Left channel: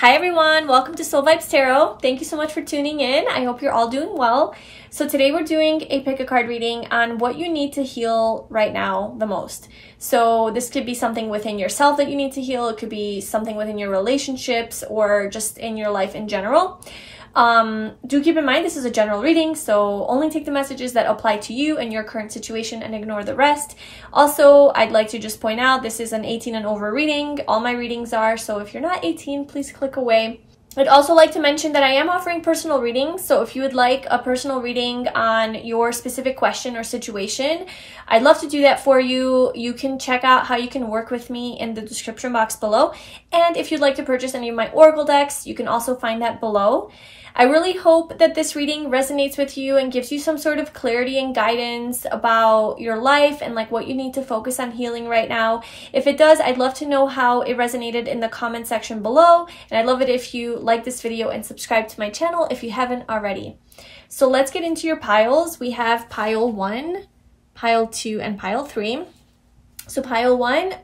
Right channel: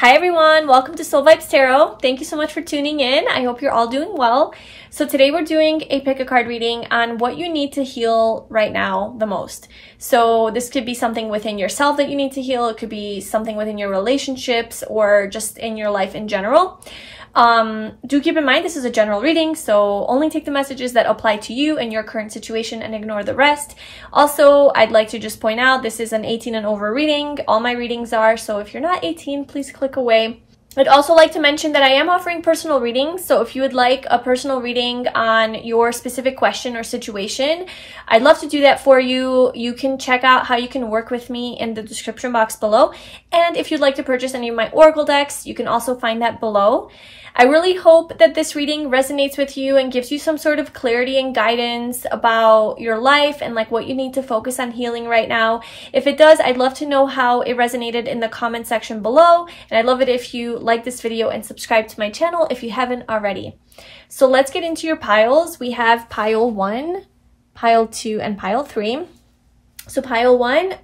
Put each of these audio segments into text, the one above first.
Hi everyone, welcome to 𝗂𝗧𝗏𝗧𝗏 Tarot. Thank you so much for tuning in. I hope you're all doing well. So today we're doing a pick a card reading on what you need to heal right now the most. So this could be something within yourself that you need to heal. It could be something within your relationships or just in your life in general. Do keep in mind this is a general reading, so only take the messages that apply to you and your current situation and ignore the rest. Also, I'd like to just point out this is an 18 and over reading. All my readings are, so if you're not 18, please click away. I'd also like to mention that I am offering personal readings, so if you would like a personal reading on your specific question or situation, I'd love to do that for you. You can check out how you can work with me in the description box below. And if you'd like to purchase any of my Oracle decks, you can also find that below. I really hope that this reading resonates with you and gives you some sort of clarity and guidance about your life and like what you need to focus on healing right now. If it does, I'd love to know how it resonated in the comment section below. And I'd love it if you like this video and subscribe to my channel if you haven't already. So let's get into your piles. We have pile 1, pile 2, and pile 3. So pile 1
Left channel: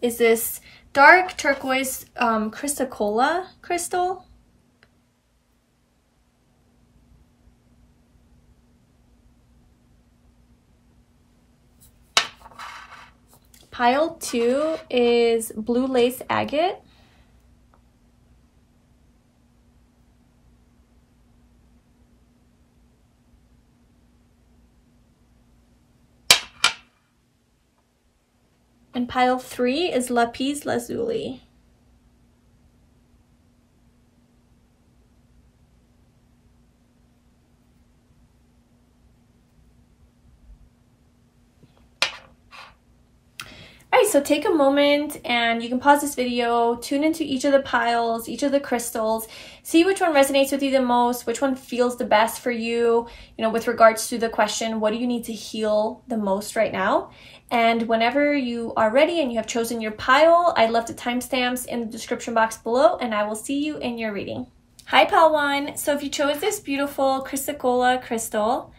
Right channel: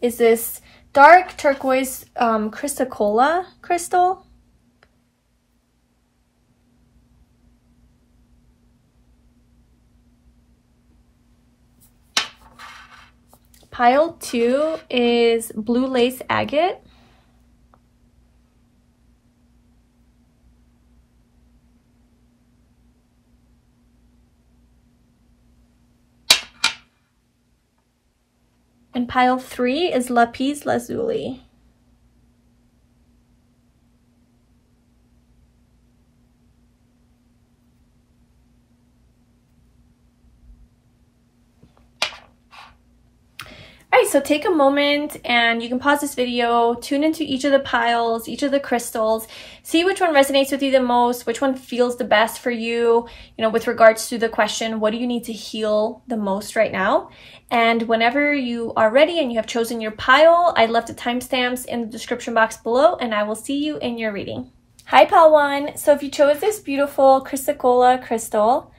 is this dark turquoise Chrysocolla crystal. Pile 2 is blue lace agate. And pile 3 is Lapis Lazuli. Alright, so take a moment and you can pause this video, tune into each of the piles, each of the crystals, see which one resonates with you the most, which one feels the best for you, with regards to the question, what do you need to heal the most right now? And whenever you are ready and you have chosen your pile, I left the timestamps in the description box below and I will see you in your reading. Hi pile 1, so if you chose this beautiful Chrysocolla crystal,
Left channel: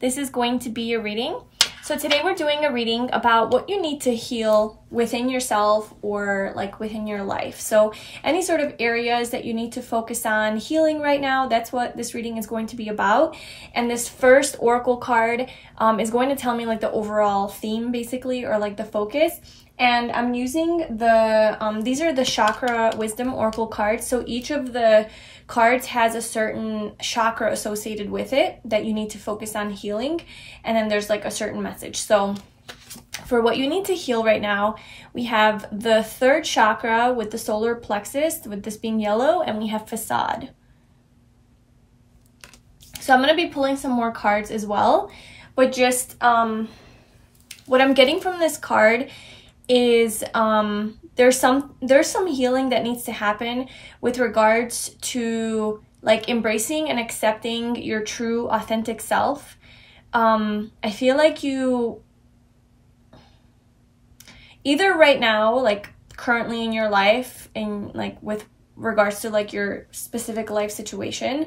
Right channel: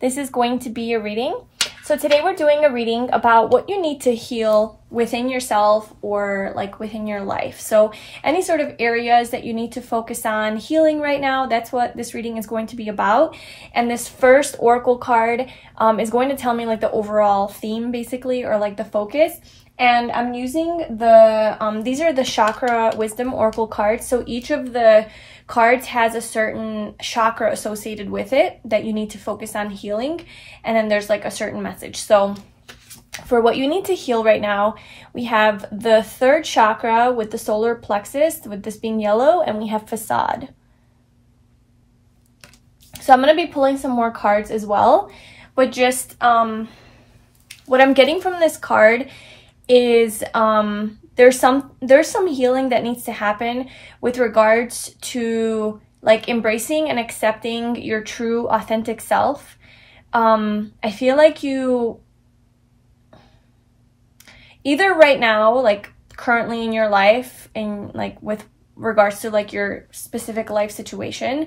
this is going to be your reading. So today we're doing a reading about what you need to heal within yourself or like within your life. So any sort of areas that you need to focus on healing right now, that's what this reading is going to be about. And this first oracle card is going to tell me like the overall theme basically, or like the focus. And I'm using the, these are the chakra wisdom oracle cards. So each of the cards has a certain chakra associated with it that you need to focus on healing. And then there's like a certain message. So for what you need to heal right now, we have the third chakra with the solar plexus, with this being yellow, and we have facade. So I'm going to be pulling some more cards as well, but just what I'm getting from this card is there's some healing that needs to happen with regards to like embracing and accepting your true authentic self. I feel like you either right now, like currently in your life, and like with regards to like your specific life situation,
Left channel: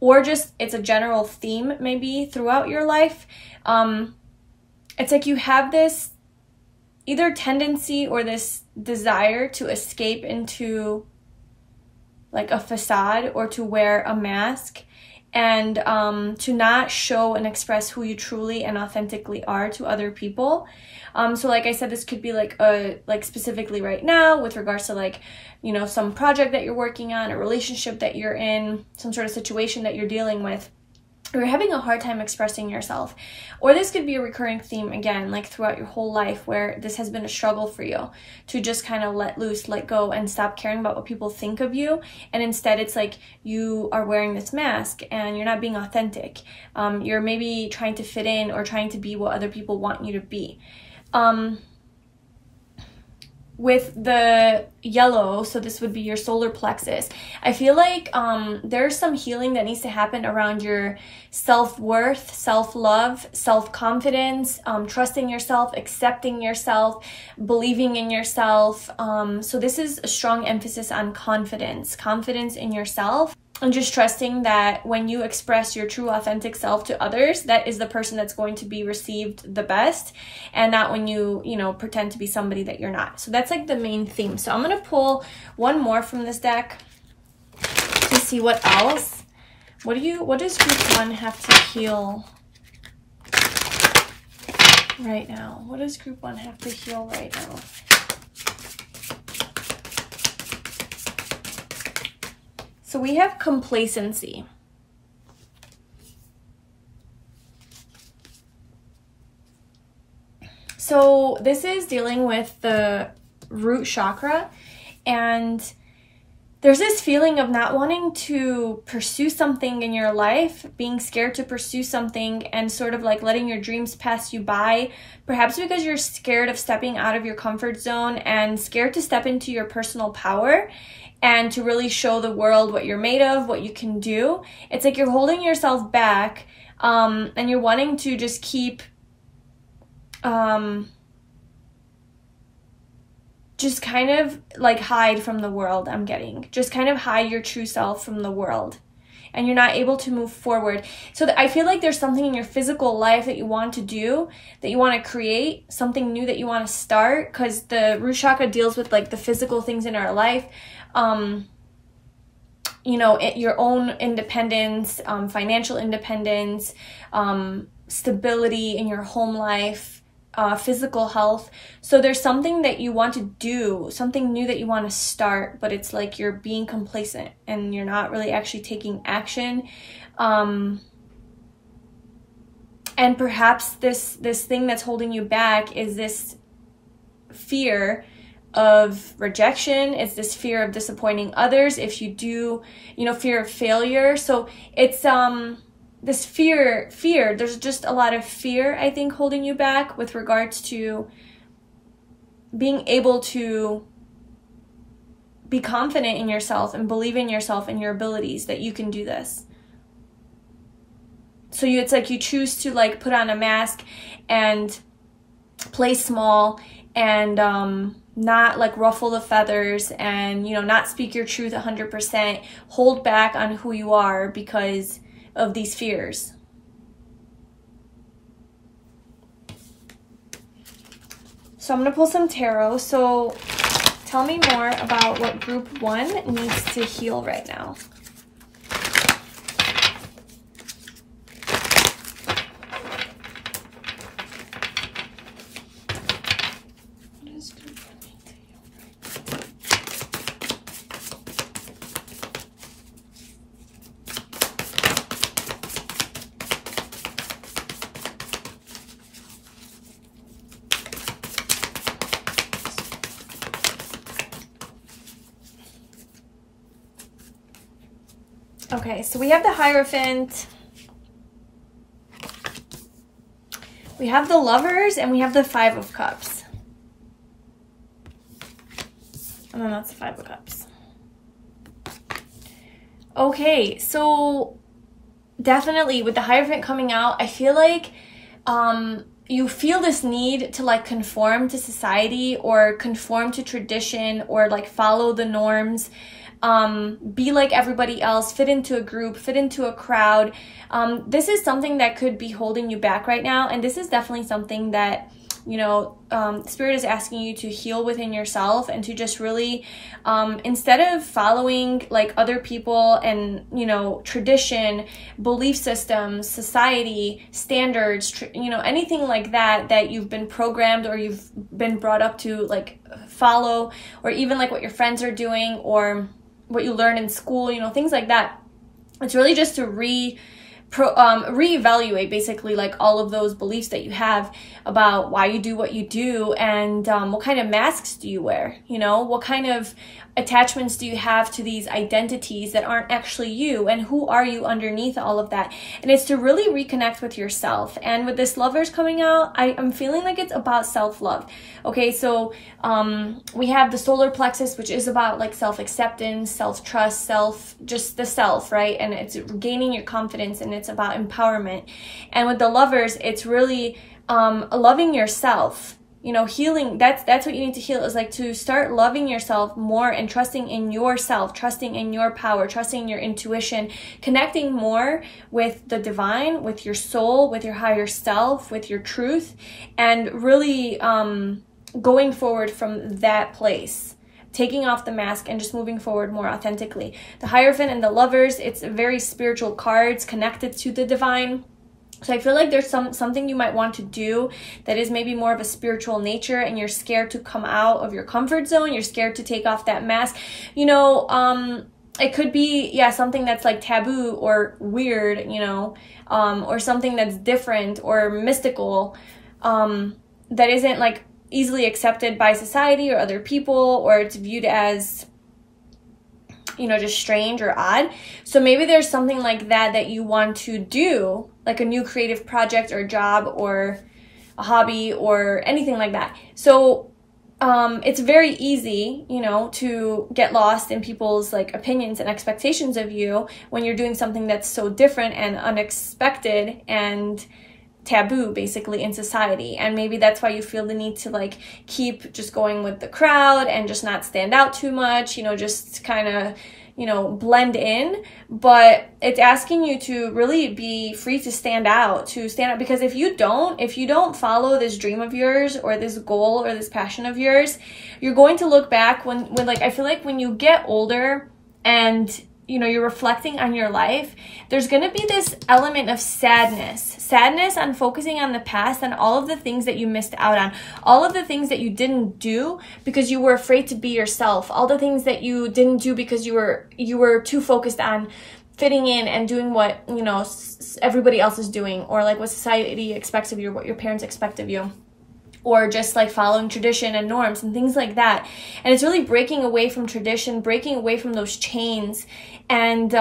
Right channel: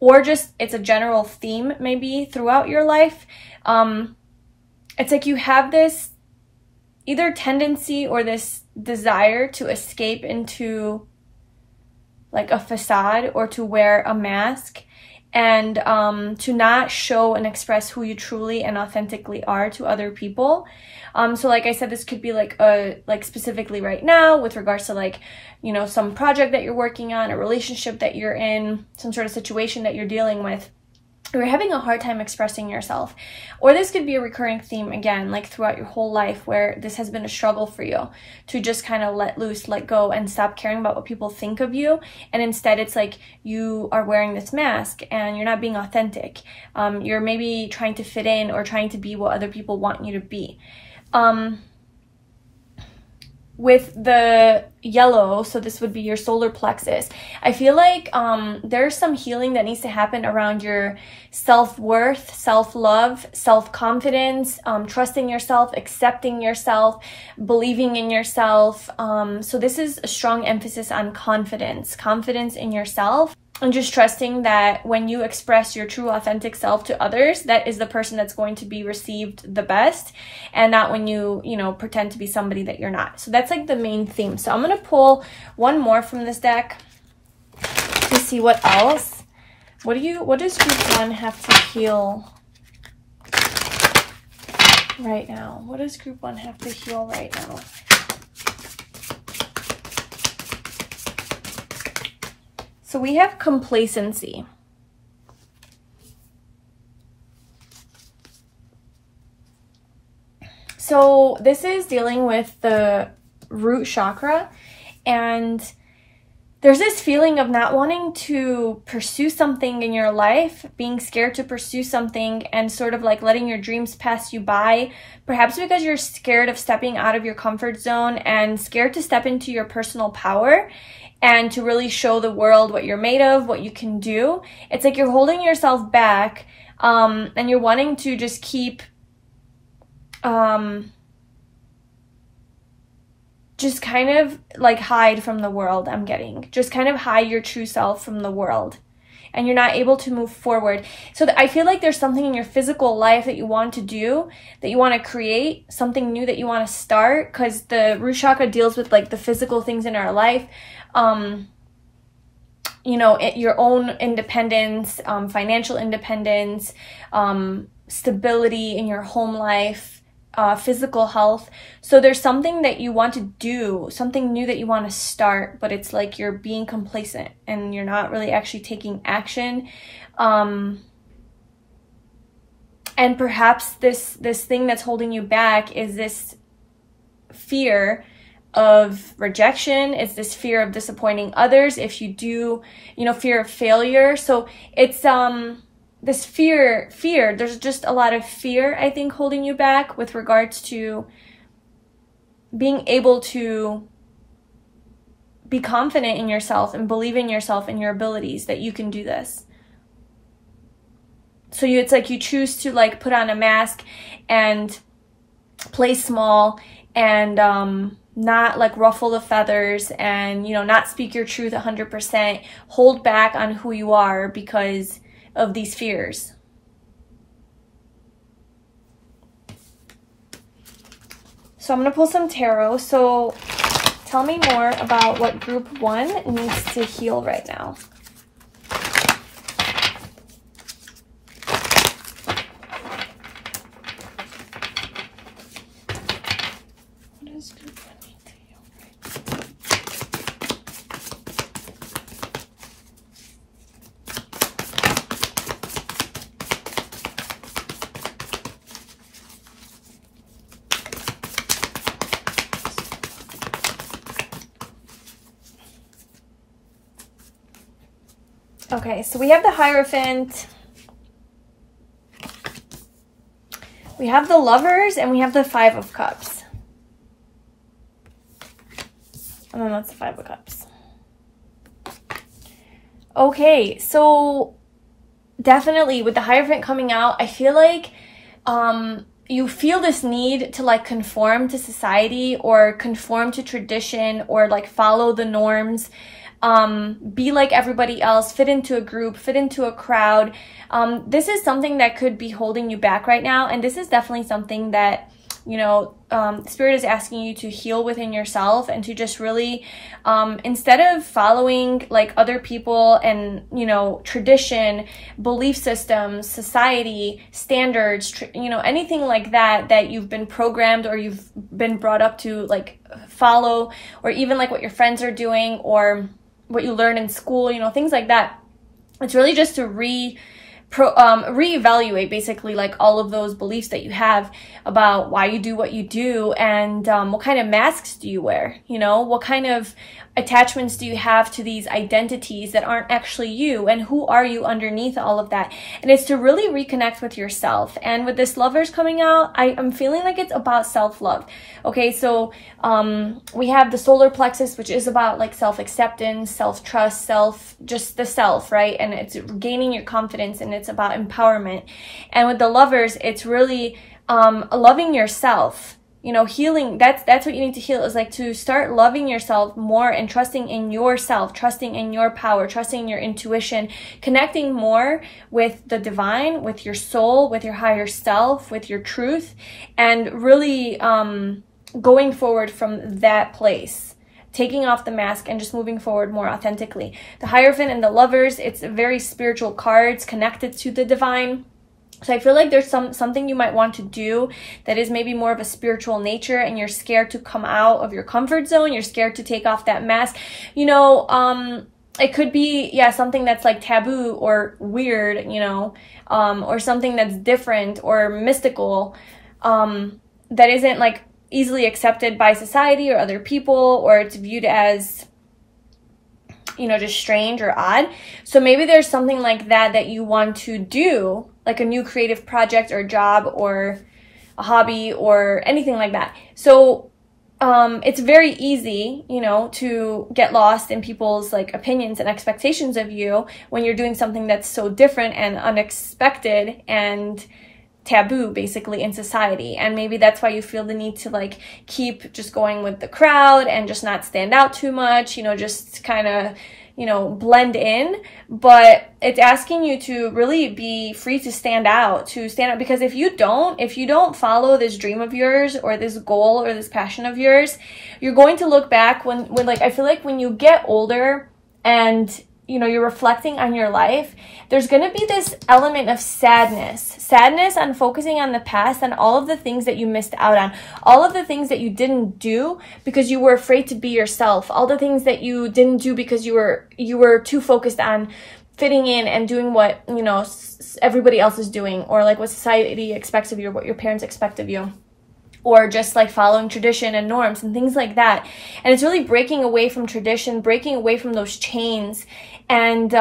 or just it's a general theme maybe throughout your life. It's like you have this either tendency or this desire to escape into like a facade or to wear a mask and to not show and express who you truly and authentically are to other people. So like I said, this could be like specifically right now with regards to like, some project that you're working on, a relationship that you're in, some sort of situation that you're dealing with. You're having a hard time expressing yourself. Or this could be a recurring theme again, like throughout your whole life, where this has been a struggle for you to just kind of let loose, let go, and stop caring about what people think of you. And instead it's like you are wearing this mask and you're not being authentic. You're maybe trying to fit in or trying to be what other people want you to be. With the yellow, so this would be your solar plexus, I feel like there's some healing that needs to happen around your self-worth, self-love, self-confidence, trusting yourself, accepting yourself, believing in yourself. So this is a strong emphasis on confidence in yourself. And just trusting that when you express your true authentic self to others, that is the person that's going to be received the best, and not when you pretend to be somebody that you're not. So that's like the main theme. So I'm going to pull one more from this deck. see what else. What does group 1 have to heal right now? What does group 1 have to heal right now? So we have complacency. So this is dealing with the root chakra, and there's this feeling of not wanting to pursue something in your life, being scared to pursue something and sort of like letting your dreams pass you by, perhaps because you're scared of stepping out of your comfort zone and scared to step into your personal power and to really show the world what you're made of, what you can do. It's like you're holding yourself back, and you're wanting to just keep just kind of like hide from the world. I'm getting just kind of hide your true self from the world, and you're not able to move forward. So I feel like there's something in your physical life that you want to do, that you want to create, something new that you want to start, because the root chakra deals with like the physical things in our life. You know, your own independence, financial independence, stability in your home life, physical health. So there's something that you want to do, something new that you want to start, but it's like you're being complacent and you're not really actually taking action. And perhaps this thing that's holding you back is this fear of rejection. It's this fear of disappointing others if you do, you know, fear of failure. So it's this fear, there's just a lot of fear, I think, holding you back with regards to being able to be confident in yourself and believe in yourself and your abilities, that you can do this. So it's like you choose to like put on a mask and play small and not like ruffle the feathers and, you know, not speak your truth 100%, hold back on who you are because of these fears. So I'm going to pull some tarot. So tell me more about what group 1 needs to heal right now. Okay, so we have the Hierophant, we have the Lovers, and we have the 5 of Cups. And then that's the 5 of Cups. Okay, so definitely with the Hierophant coming out, I feel like you feel this need to like conform to society or conform to tradition or like follow the norms. Be like everybody else, fit into a group, fit into a crowd. This is something that could be holding you back right now, and this is definitely something that, you know, Spirit is asking you to heal within yourself and to just really, instead of following like other people and, you know, tradition, belief systems, society, standards, you know, anything like that that you've been programmed or you've been brought up to like follow, or even like what your friends are doing or what you learn in school, you know, things like that. It's really just to reevaluate basically like all of those beliefs that you have about why you do what you do, and what kind of masks do you wear, you know, what kind of attachments do you have to these identities that aren't actually you, and who are you underneath all of that. And it's to really reconnect with yourself. And with this Lovers coming out, I'm feeling like it's about self-love. Okay, so we have the solar plexus, which is about like self-acceptance, self-trust, just the self, right? And it's gaining your confidence, and it's about empowerment. And with the Lovers, it's really loving yourself. You know, healing, that's what you need to heal, is like to start loving yourself more and trusting in yourself, trusting in your power, trusting in your intuition, connecting more with the divine, with your soul, with your higher self, with your truth, and really going forward from that place, taking off the mask and just moving forward more authentically. The Hierophant and the Lovers, it's very spiritual cards connected to the divine. So I feel like there's something you might want to do that is maybe more of a spiritual nature, and you're scared to come out of your comfort zone. You're scared to take off that mask. You know, it could be, yeah, something that's like taboo or weird, you know, or something that's different or mystical, that isn't like easily accepted by society or other people, or it's viewed as, you know, just strange or odd. So maybe there's something like that that you want to do, like a new creative project or job or a hobby or anything like that. So it's very easy, you know, to get lost in people's like opinions and expectations of you when you're doing something that's so different and unexpected and taboo basically in society. And maybe that's why you feel the need to like keep just going with the crowd and just not stand out too much, you know, just kind of, you know, blend in. But it's asking you to really be free to stand out, because if you don't follow this dream of yours or this goal or this passion of yours, you're going to look back when like, I feel like when you get older and, you know, you're reflecting on your life, there's going to be this element of sadness on focusing on the past and all of the things that you missed out on, all of the things that you didn't do because you were afraid to be yourself, all the things that you didn't do because you were too focused on fitting in and doing what, you know, everybody else is doing, or like what society expects of you, or what your parents expect of you, or just like following tradition and norms and things like that. And it's really breaking away from tradition, breaking away from those chains, and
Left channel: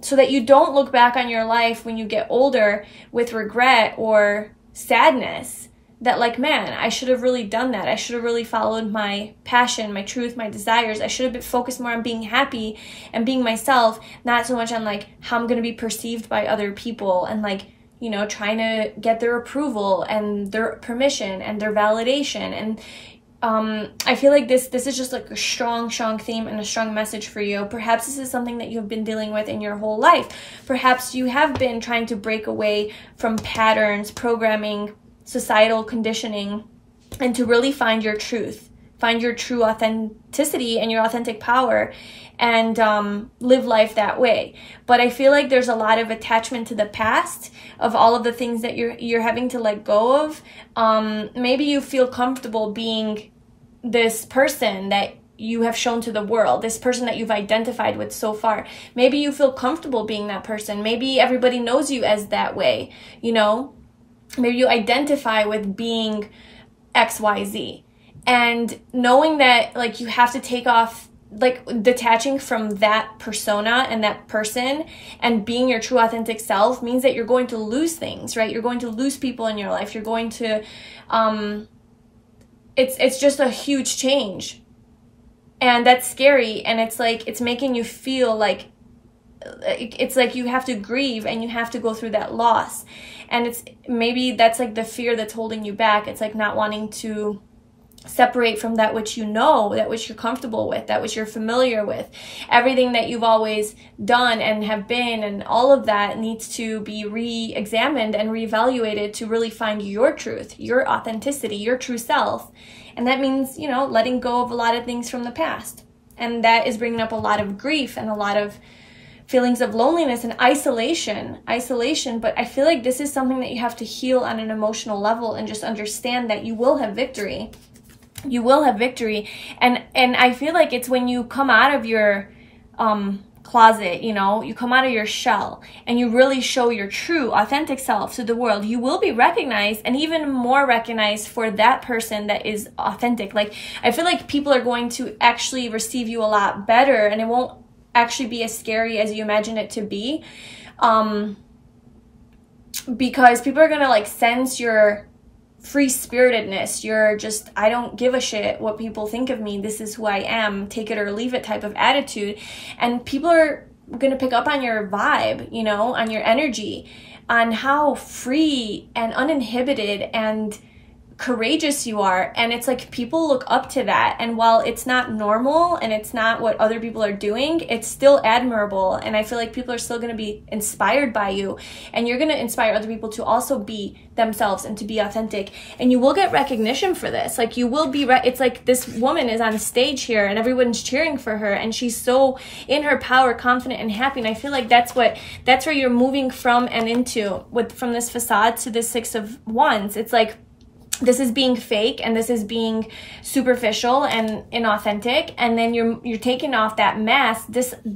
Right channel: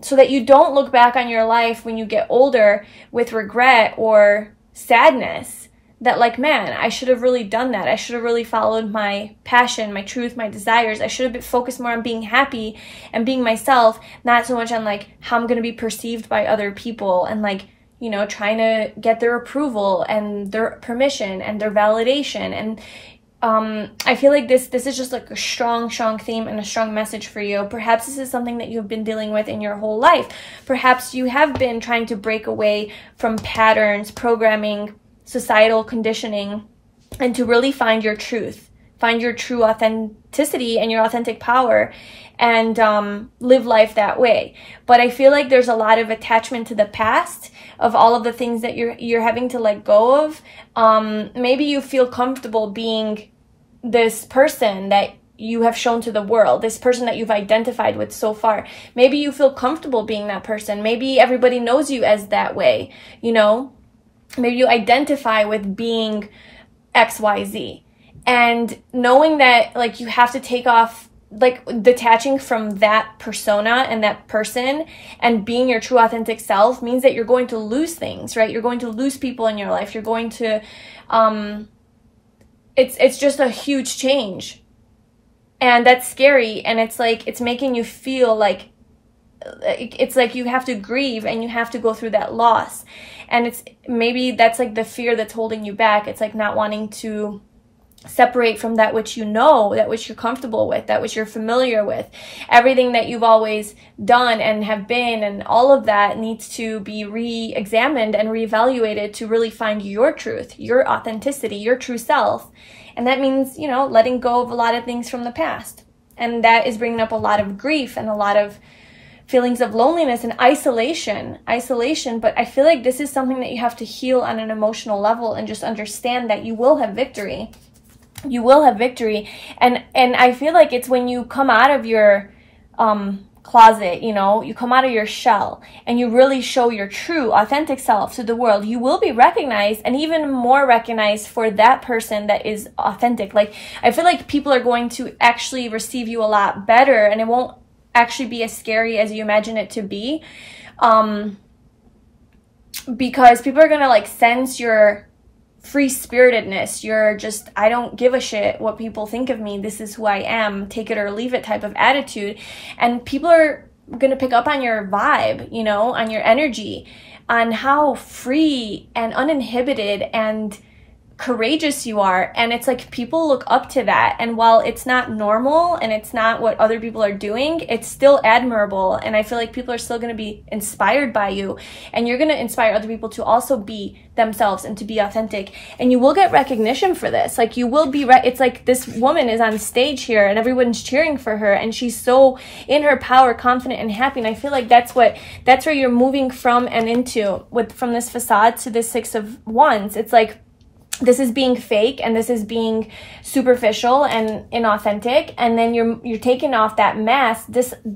so that you don't look back on your life when you get older with regret or sadness that like, man, I should have really done that. I should have really followed my passion, my truth, my desires. I should have been focused more on being happy and being myself, not so much on like how I'm going to be perceived by other people and like, you know, trying to get their approval and their permission and their validation. And I feel like this is just like a strong theme and a strong message for you. Perhaps this is something that you've been dealing with in your whole life. Perhaps you have been trying to break away from patterns, programming, societal conditioning, and to really find your truth, find your true authenticity and your authentic power, and live life that way. But I feel like there's a lot of attachment to the past of all of the things that you're having to let go of. Maybe you feel comfortable being this person that you have shown to the world, this person that you've identified with so far. Maybe you feel comfortable being that person. Maybe everybody knows you as that way, you know? Maybe you identify with being XYZ. And knowing that, like, you have to take off, like, detaching from that persona and that person and being your true authentic self means that you're going to lose things, right? You're going to lose people in your life. You're going to, it's just a huge change. And that's scary. And it's like, it's making you feel like, it's like you have to grieve and you have to go through that loss. And it's, maybe that's like the fear that's holding you back. It's like not wanting to separate from that which you know, that which you're comfortable with, that which you're familiar with. Everything that you've always done and have been, and all of that needs to be re-examined and re-evaluated to really find your truth, your authenticity, your true self. And that means, you know, letting go of a lot of things from the past. And that is bringing up a lot of grief and a lot of feelings of loneliness and isolation. But I feel like this is something that you have to heal on an emotional level and just understand that you will have victory. You will have victory. And I feel like it's when you come out of your closet, you know, you come out of your shell and you really show your true authentic self to the world, you will be recognized, and even more recognized for that person that is authentic. Like, I feel like people are going to actually receive you a lot better, and it won't actually be as scary as you imagine it to be, because people are gonna like sense your free-spiritedness. You're just, I don't give a shit what people think of me, this is who I am, take it or leave it type of attitude. And people are gonna pick up on your vibe, you know, on your energy, on how free and uninhibited and courageous you are, and it's like people look up to that. And while it's not normal and it's not what other people are doing, it's still admirable. And I feel like people are still going to be inspired by you, and you're going to inspire other people to also be themselves and to be authentic, and you will get recognition for this. Like you will be it's like this woman is on stage here and everyone's cheering for her, and she's so in her power, confident and happy. And I feel like that's where you're moving from and into from this facade to this Six of Wands. It's like this is being fake, and this is being superficial and inauthentic, and then you're taking off that mask,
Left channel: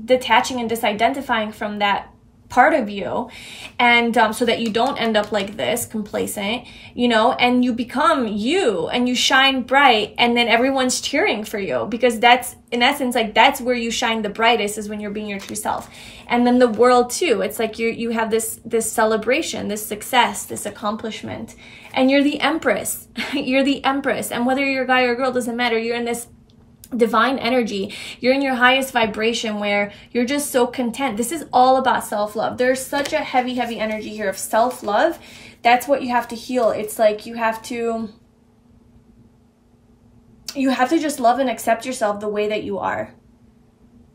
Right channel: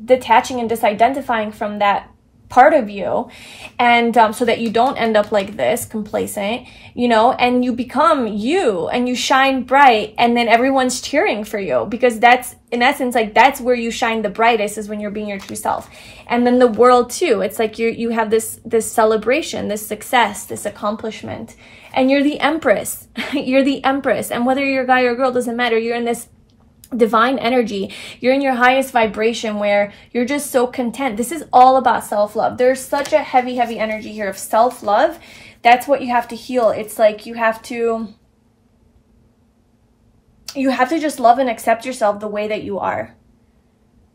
detaching and disidentifying from that part of you, and so that you don't end up like this, complacent, you know, and you become you, and you shine bright, and then everyone's cheering for you, because that's, in essence, like that's where you shine the brightest, is when you're being your true self. And then the world too, it's like you have this celebration, this success, this accomplishment, and you're the empress. You're the empress, and whether you're a guy or a girl, doesn't matter. You're in this divine energy. You're in your highest vibration, where you're just so content. This is all about self-love. There's such a heavy energy here of self-love. That's what you have to heal. It's like you have to just love and accept yourself the way that you are.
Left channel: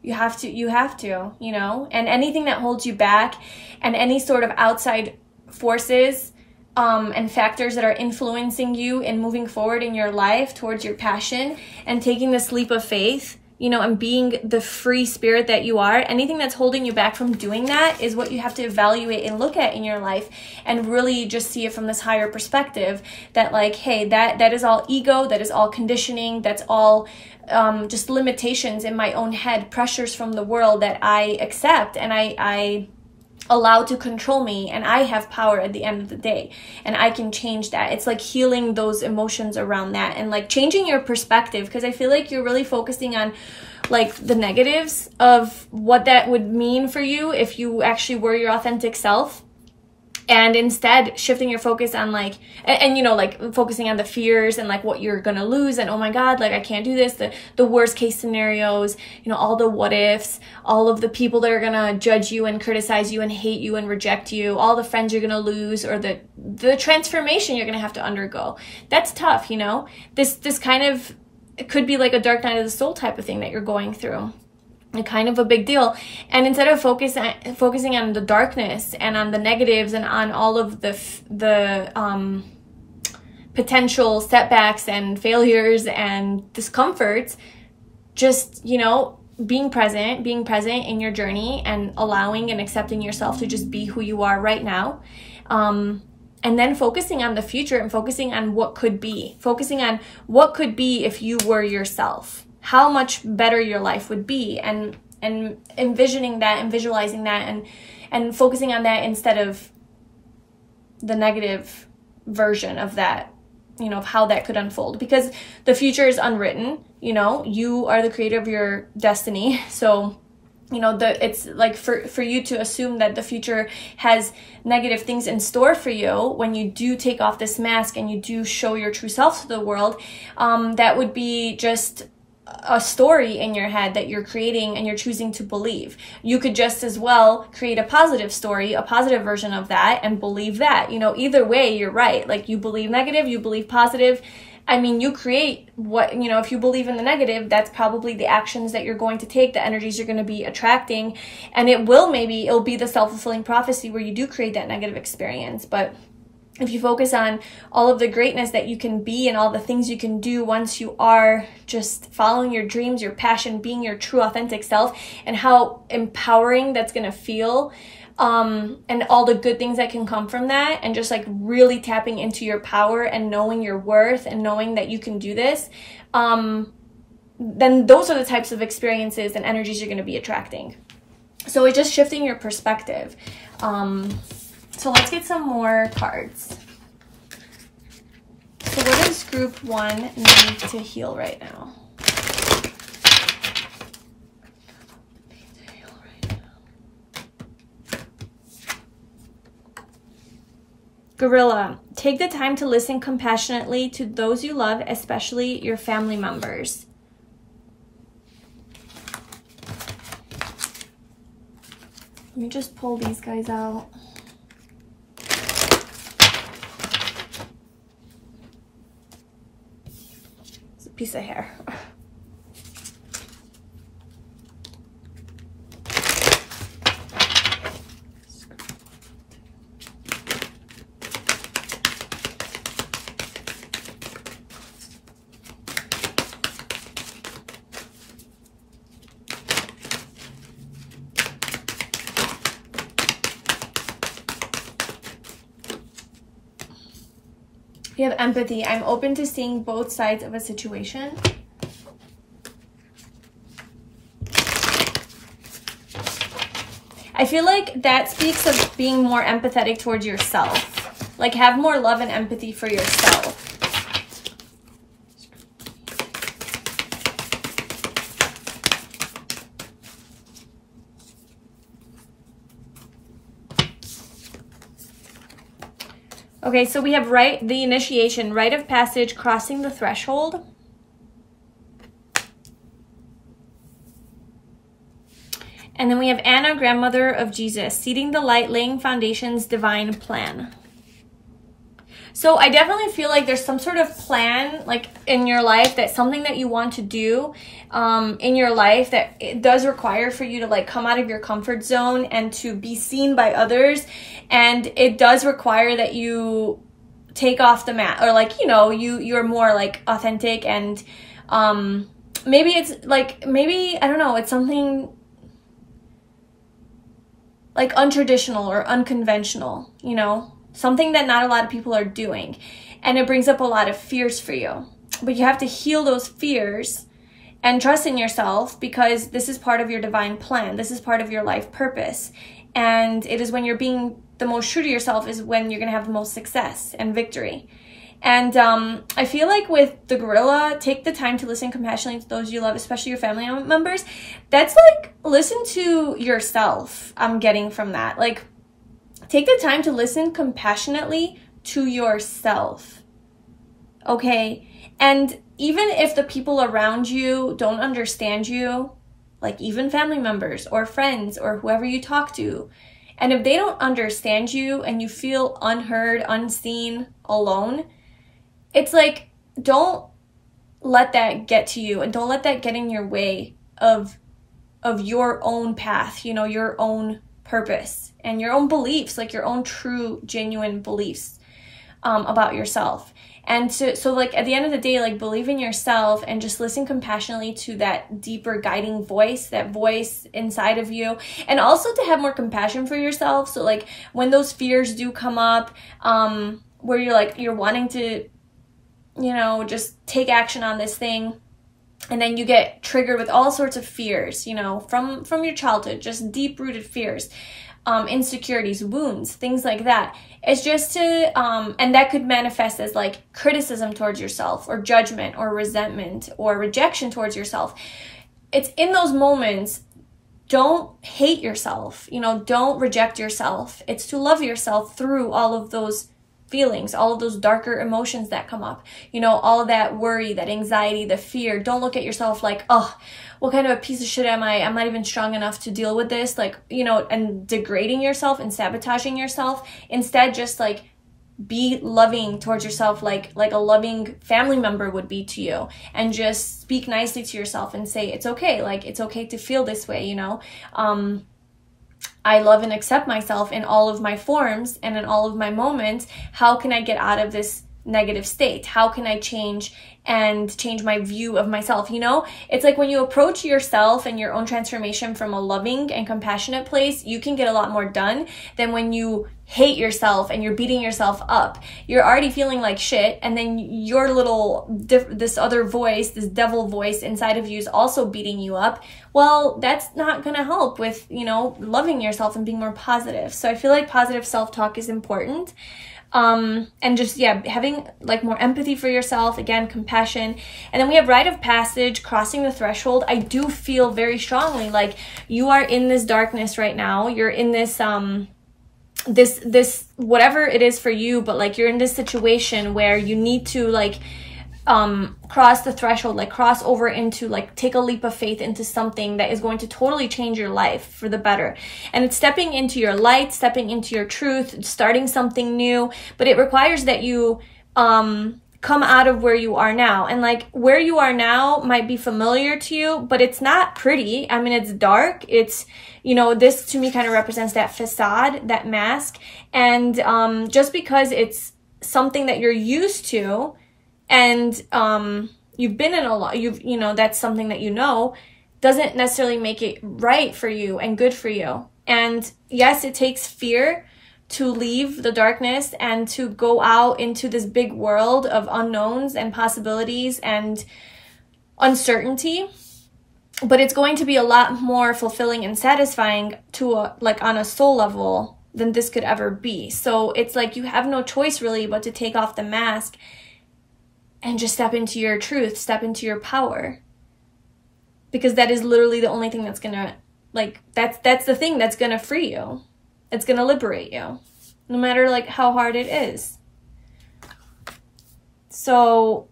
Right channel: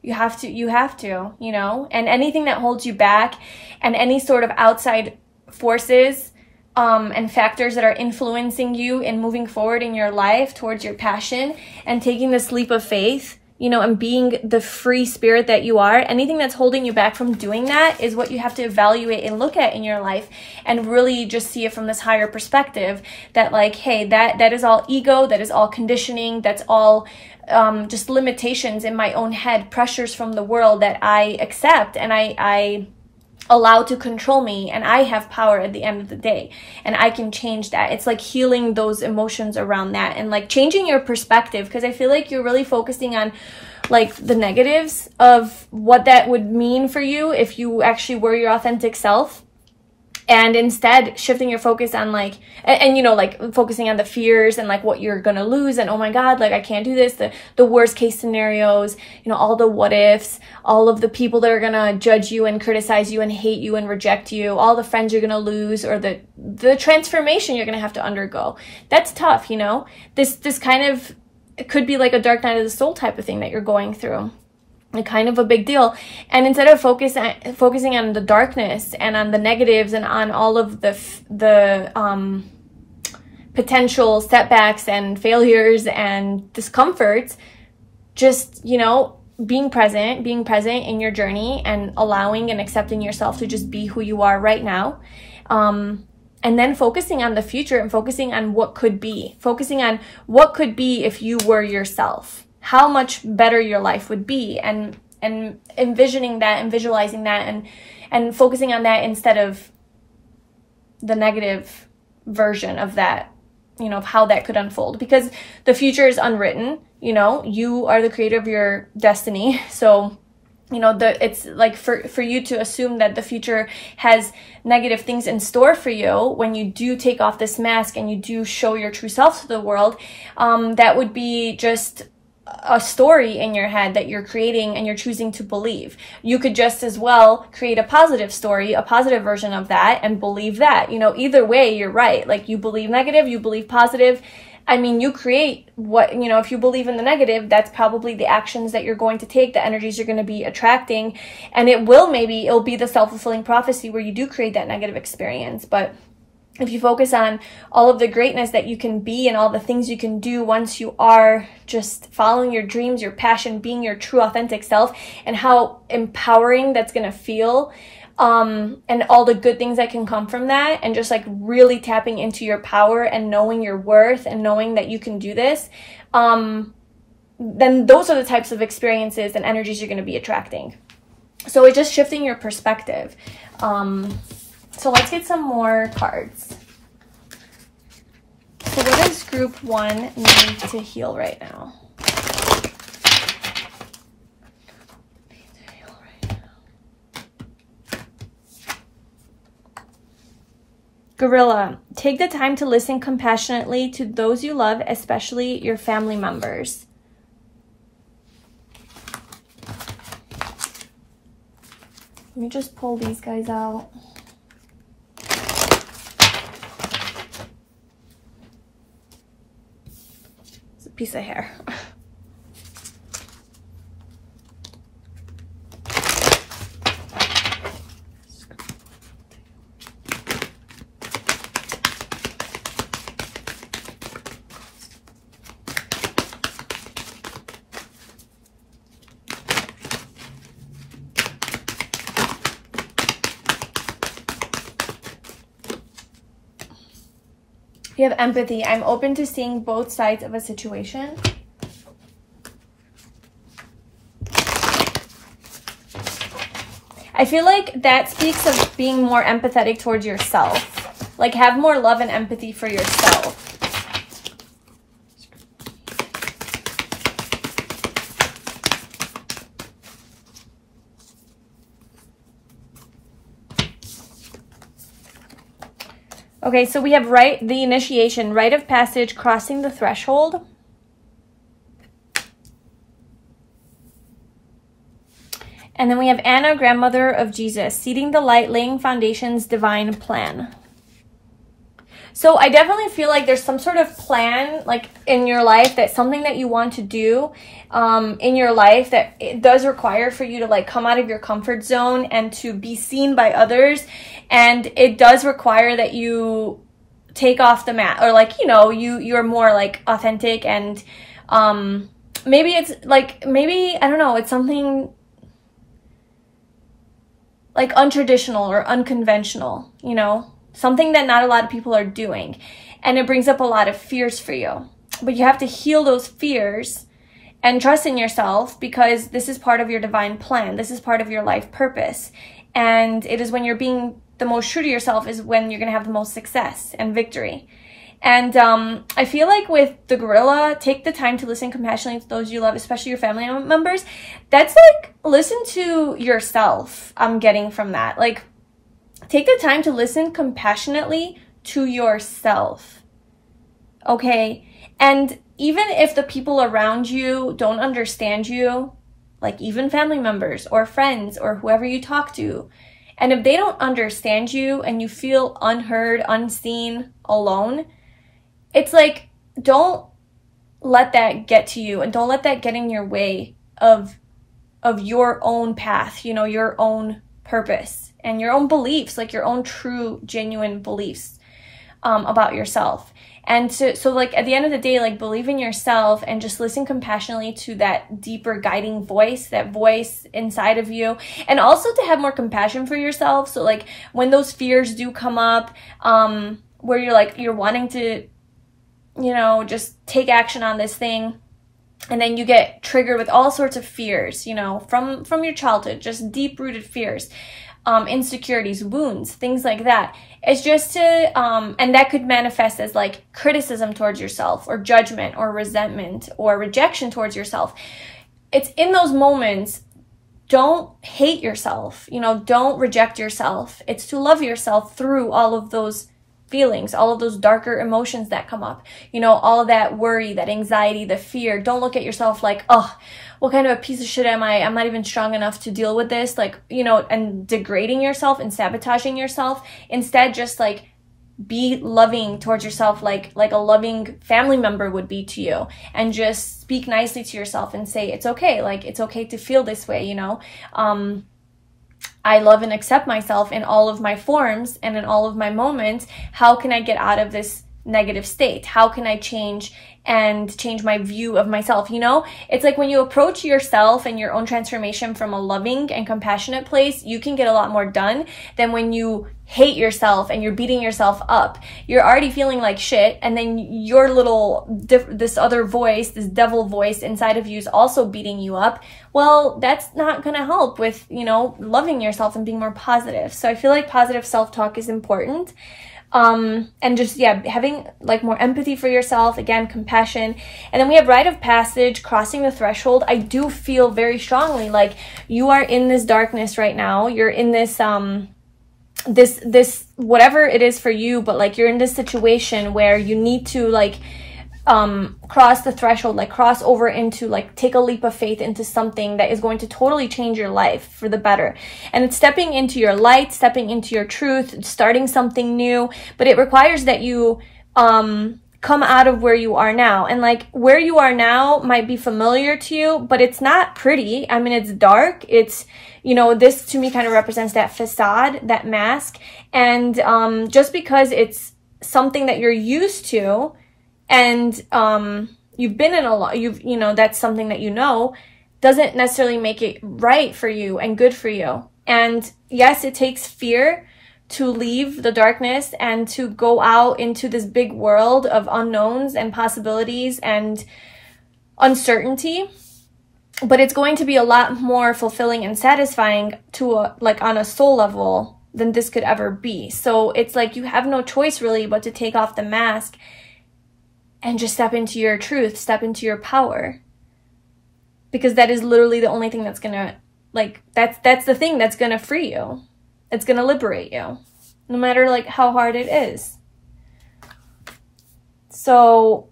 You have to, you know, and anything that holds you back, and any sort of outside forces and factors that are influencing you in moving forward in your life towards your passion and taking this leap of faith, you know, and being the free spirit that you are, anything that's holding you back from doing that is what you have to evaluate and look at in your life, and really just see it from this higher perspective, that like, hey, that is all ego, that is all conditioning, that's all just limitations in my own head, pressures from the world that I accept and I allow to control me, and I have power at the end of the day, and I can change that. It's like healing those emotions around that, and like changing your perspective, because I feel like you're really focusing on like the negatives of what that would mean for you if you actually were your authentic self, and instead shifting your focus on like, and you know, like focusing on the fears and like what you're gonna lose, and oh my god, like I can't do this, the worst case scenarios, you know, all the what ifs, all of the people that are gonna judge you and criticize you and hate you and reject you, all the friends you're gonna lose, or the transformation you're gonna have to undergo. That's tough, you know. This kind of, it could be like a dark night of the soul type of thing that you're going through. Kind of a big deal. And instead of focusing on the darkness and on the negatives and on all of the potential setbacks and failures and discomforts, just, you know, being present in your journey, and allowing and accepting yourself to just be who you are right now. And then focusing on the future, and focusing on what could be, if you were yourself. How much better your life would be, and envisioning that and visualizing that, and focusing on that instead of the negative version of that, you know, of how that could unfold, because the future is unwritten. You know, you are the creator of your destiny. So, you know, it's like for you to assume that the future has negative things in store for you when you do take off this mask and you do show your true self to the world, that would be just a story in your head that you're creating and you're choosing to believe. You could just as well create a positive story, a positive version of that, and believe that. You know, either way, you're right. Like, you believe negative, you believe positive. I mean, you create what, you know, if you believe in the negative, that's probably the actions that you're going to take, the energies you're going to be attracting, and it'll be the self-fulfilling prophecy where you do create that negative experience. But if you focus on all of the greatness that you can be and all the things you can do once you are just following your dreams, your passion, being your true authentic self, and how empowering that's going to feel, and all the good things that can come from that, and just like really tapping into your power and knowing your worth and knowing that you can do this, then those are the types of experiences and energies you're going to be attracting. So it's just shifting your perspective. So let's get some more cards. So what does group 1 need to heal right now? Gorilla, take the time to listen compassionately to those you love, especially your family members. Let me just pull these guys out. piece of hair. You have empathy. I'm open to seeing both sides of a situation. I feel like that speaks of being more empathetic towards yourself. Like, have more love and empathy for yourself. Okay, so we have the initiation, rite of passage, crossing the threshold. And then we have Anna, grandmother of Jesus, seeding the light, laying foundations, divine plan. So I definitely feel like there's some sort of plan, like in your life, that's something that you want to do in your life that it does require for you to like come out of your comfort zone and to be seen by others. And it does require that you take off the mask, or like, you know, you're more like authentic, and maybe it's like, maybe, I don't know, it's something like untraditional or unconventional, you know, something that not a lot of people are doing. And it brings up a lot of fears for you. But you have to heal those fears and trust in yourself, because this is part of your divine plan. This is part of your life purpose. And it is when you're being the most true to yourself is when you're going to have the most success and victory. And I feel like with the gorilla, take the time to listen compassionately to those you love, especially your family members. That's like, listen to yourself. I'm getting from that. Like, take the time to listen compassionately to yourself. Okay? And even if the people around you don't understand you, like even family members or friends or whoever you talk to, and if they don't understand you and you feel unheard, unseen, alone, it's like, don't let that get to you, and don't let that get in your way of your own path, you know, your own purpose and your own beliefs, like your own true, genuine beliefs about yourself. And so like at the end of the day, like believe in yourself and just listen compassionately to that deeper guiding voice, that voice inside of you. And also to have more compassion for yourself. So like when those fears do come up, where you're wanting to, you know, just take action on this thing, and then you get triggered with all sorts of fears, you know, from your childhood, just deep-rooted fears, insecurities, wounds, things like that. It's just to, and that could manifest as like criticism towards yourself, or judgment, or resentment, or rejection towards yourself. It's in those moments, don't hate yourself, you know, don't reject yourself. It's to love yourself through all of those feelings, all of those darker emotions that come up, you know, all that worry, that anxiety, the fear. Don't look at yourself like, oh, what kind of a piece of shit am I? I'm not even strong enough to deal with this, like, you know, and degrading yourself and sabotaging yourself. Instead, just like be loving towards yourself, like a loving family member would be to you, and just speak nicely to yourself and say, it's okay, like it's okay to feel this way, you know. I love and accept myself in all of my forms and in all of my moments. How can I get out of this negative state? How can I change my view of myself? You know, it's like when you approach yourself and your own transformation from a loving and compassionate place, you can get a lot more done than when you hate yourself and you're beating yourself up. You're already feeling like shit, and then your this other voice, this devil voice inside of you is also beating you up. Well, that's not gonna help with, you know, loving yourself and being more positive. So I feel like positive self-talk is important. And just, yeah, having like more empathy for yourself, again, compassion. And then we have rite of passage, crossing the threshold. I do feel very strongly like you are in this darkness right now. You're in this, this whatever it is for you, but like you're in this situation where you need to like, cross the threshold, like cross over into, like take a leap of faith into something that is going to totally change your life for the better. And it's stepping into your light, stepping into your truth, starting something new, but it requires that you come out of where you are now. And like where you are now might be familiar to you, but it's not pretty. I mean, it's dark. It's, you know, this to me kind of represents that facade, that mask. And just because it's something that you're used to and you've been in a lot, you know, that's something that you know, doesn't necessarily make it right for you and good for you. And yes, it takes fear to leave the darkness and to go out into this big world of unknowns and possibilities and uncertainty. But it's going to be a lot more fulfilling and satisfying to like on a soul level than this could ever be. So it's like you have no choice really but to take off the mask and just step into your truth, step into your power. Because that is literally the only thing that's gonna, like, that's the thing that's gonna free you. It's gonna liberate you, no matter like how hard it is. So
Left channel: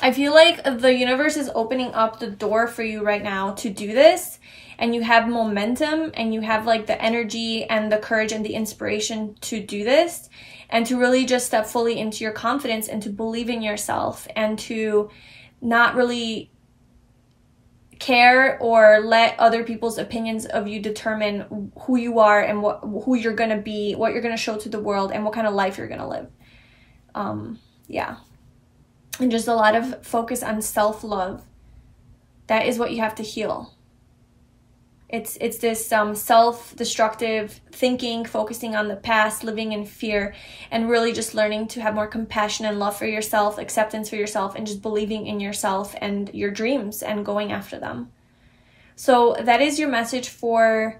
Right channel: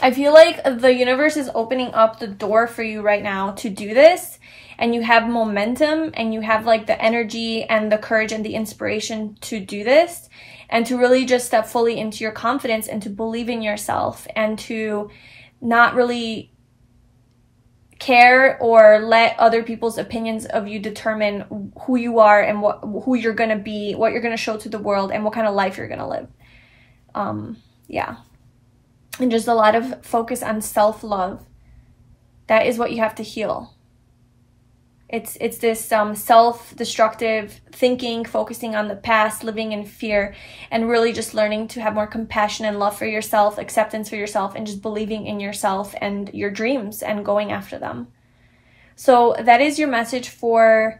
I feel like the universe is opening up the door for you right now to do this, and you have momentum and you have like the energy and the courage and the inspiration to do this, and to really just step fully into your confidence and to believe in yourself and to not really care or let other people's opinions of you determine who you are and who you're going to be, what you're going to show to the world, and what kind of life you're going to live. Yeah. And just a lot of focus on self-love. That is what you have to heal. It's this self-destructive thinking, focusing on the past, living in fear, and really just learning to have more compassion and love for yourself, acceptance for yourself, and just believing in yourself and your dreams and going after them. So that is your message for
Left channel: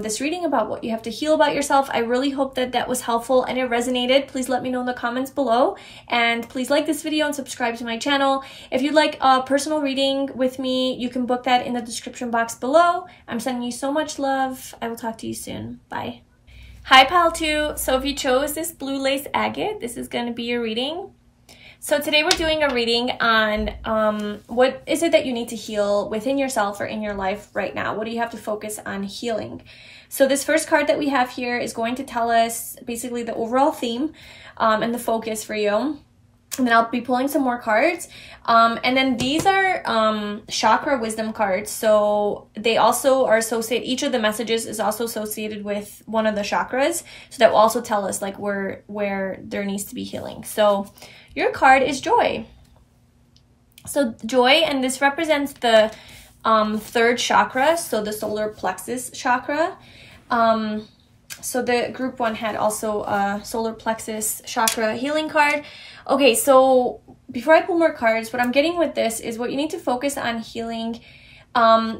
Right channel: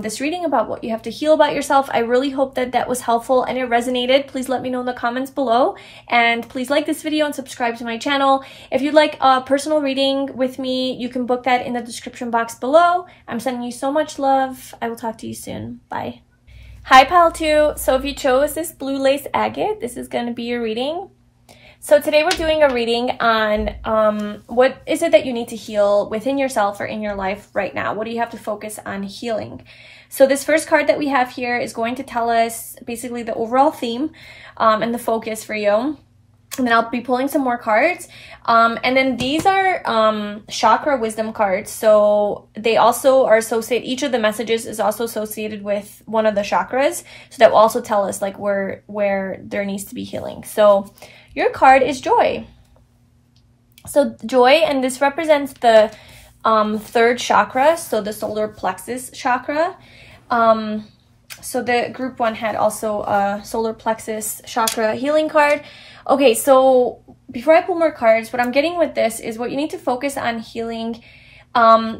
this reading about what you have to heal about yourself. I really hope that that was helpful and it resonated. Please let me know in the comments below, and please like this video and subscribe to my channel. If you'd like a personal reading with me, you can book that in the description box below. I'm sending you so much love. I will talk to you soon. Bye. Hi, Pal 2. So if you chose this blue lace agate, this is going to be your reading. So today we're doing a reading on what is it that you need to heal within yourself or in your life right now? What do you have to focus on healing? So this first card that we have here is going to tell us basically the overall theme and the focus for you. And then I'll be pulling some more cards. And then these are chakra wisdom cards. So they also are associated, each of the messages is also associated with one of the chakras. So that will also tell us like where there needs to be healing. So your card is joy. So joy, and this represents the third chakra, so the solar plexus chakra. So the group 1 had also a solar plexus chakra healing card. Okay, so before I pull more cards, what I'm getting with this is what you need to focus on healing.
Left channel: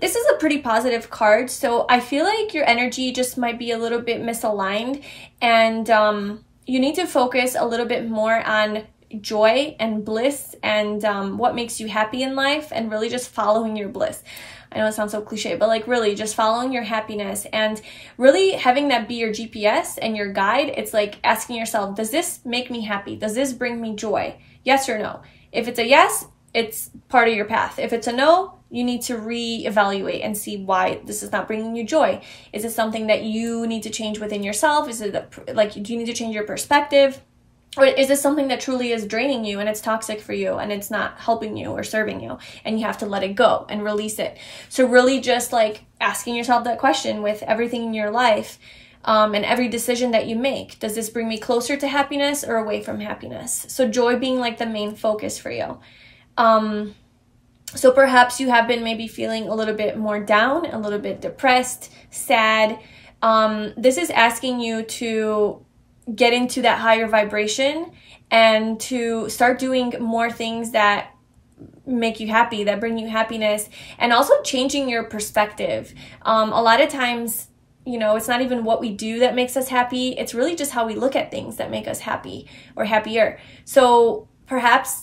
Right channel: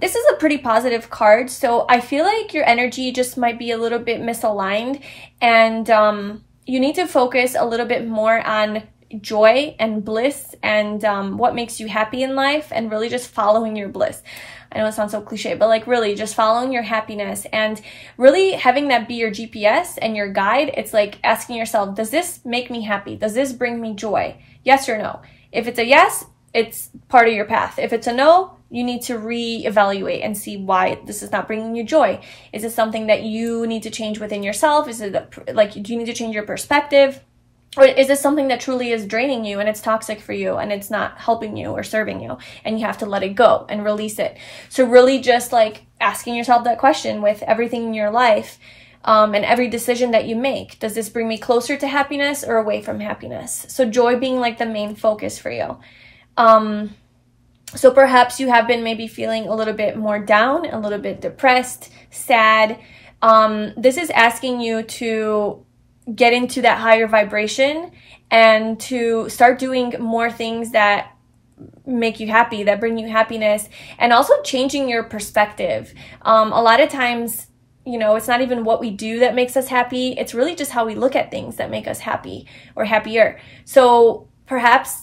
This is a pretty positive card, so I feel like your energy just might be a little bit misaligned, and you need to focus a little bit more on joy and bliss and what makes you happy in life, and really just following your bliss. I know it sounds so cliche, but like really just following your happiness and really having that be your GPS and your guide. It's like asking yourself, does this make me happy? Does this bring me joy? Yes or no? If it's a yes, it's part of your path. If it's a no, you need to reevaluate and see why this is not bringing you joy. Is it something that you need to change within yourself? Is it like, do you need to change your perspective? Or is this something that truly is draining you and it's toxic for you and it's not helping you or serving you, and you have to let it go and release it? So really just like asking yourself that question with everything in your life and every decision that you make. Does this bring me closer to happiness or away from happiness? So joy being like the main focus for you. So perhaps you have been maybe feeling a little bit more down, a little bit depressed, sad. This is asking you to get into that higher vibration and to start doing more things that make you happy, that bring you happiness, and also changing your perspective. A lot of times, you know, it's not even what we do that makes us happy. It's really just how we look at things that make us happy or happier. So perhaps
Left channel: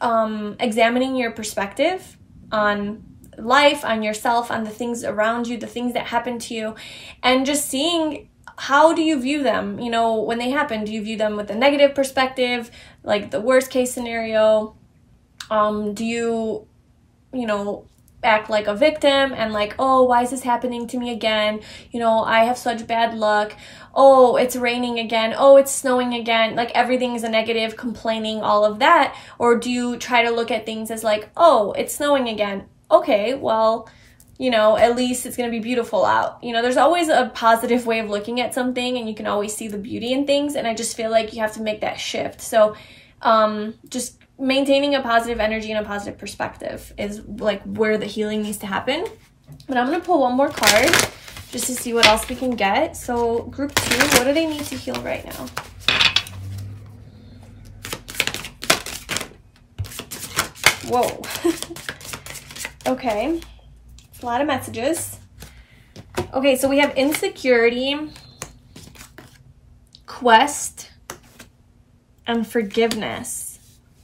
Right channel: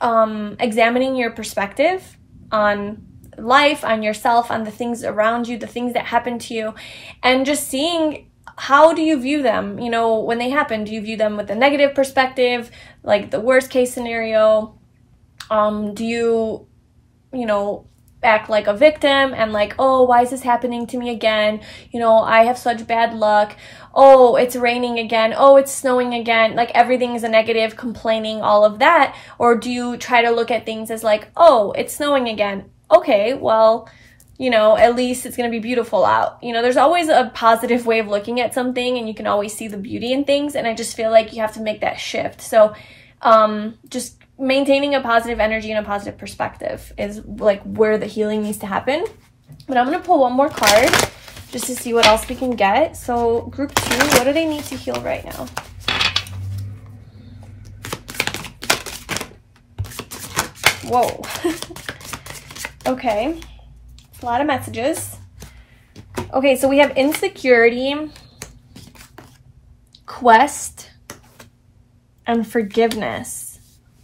examining your perspective on life, on yourself, on the things around you, the things that happen to you, and just seeing how do you view them? You know, when they happen, do you view them with a negative perspective, like the worst case scenario? Do you, you know, act like a victim and like, oh, why is this happening to me again? You know, I have such bad luck. Oh, it's raining again. Oh, it's snowing again. Like everything is a negative, complaining, all of that. Or do you try to look at things as like, oh, it's snowing again. Okay, well, you know, at least it's going to be beautiful out. You know, there's always a positive way of looking at something, and you can always see the beauty in things. And I just feel like you have to make that shift. So just maintaining a positive energy and a positive perspective is like where the healing needs to happen. But I'm going to pull one more card just to see what else we can get. So group 2, what do they need to heal right now? Whoa. Okay. A lot of messages. Okay, so we have insecurity, quest, and forgiveness.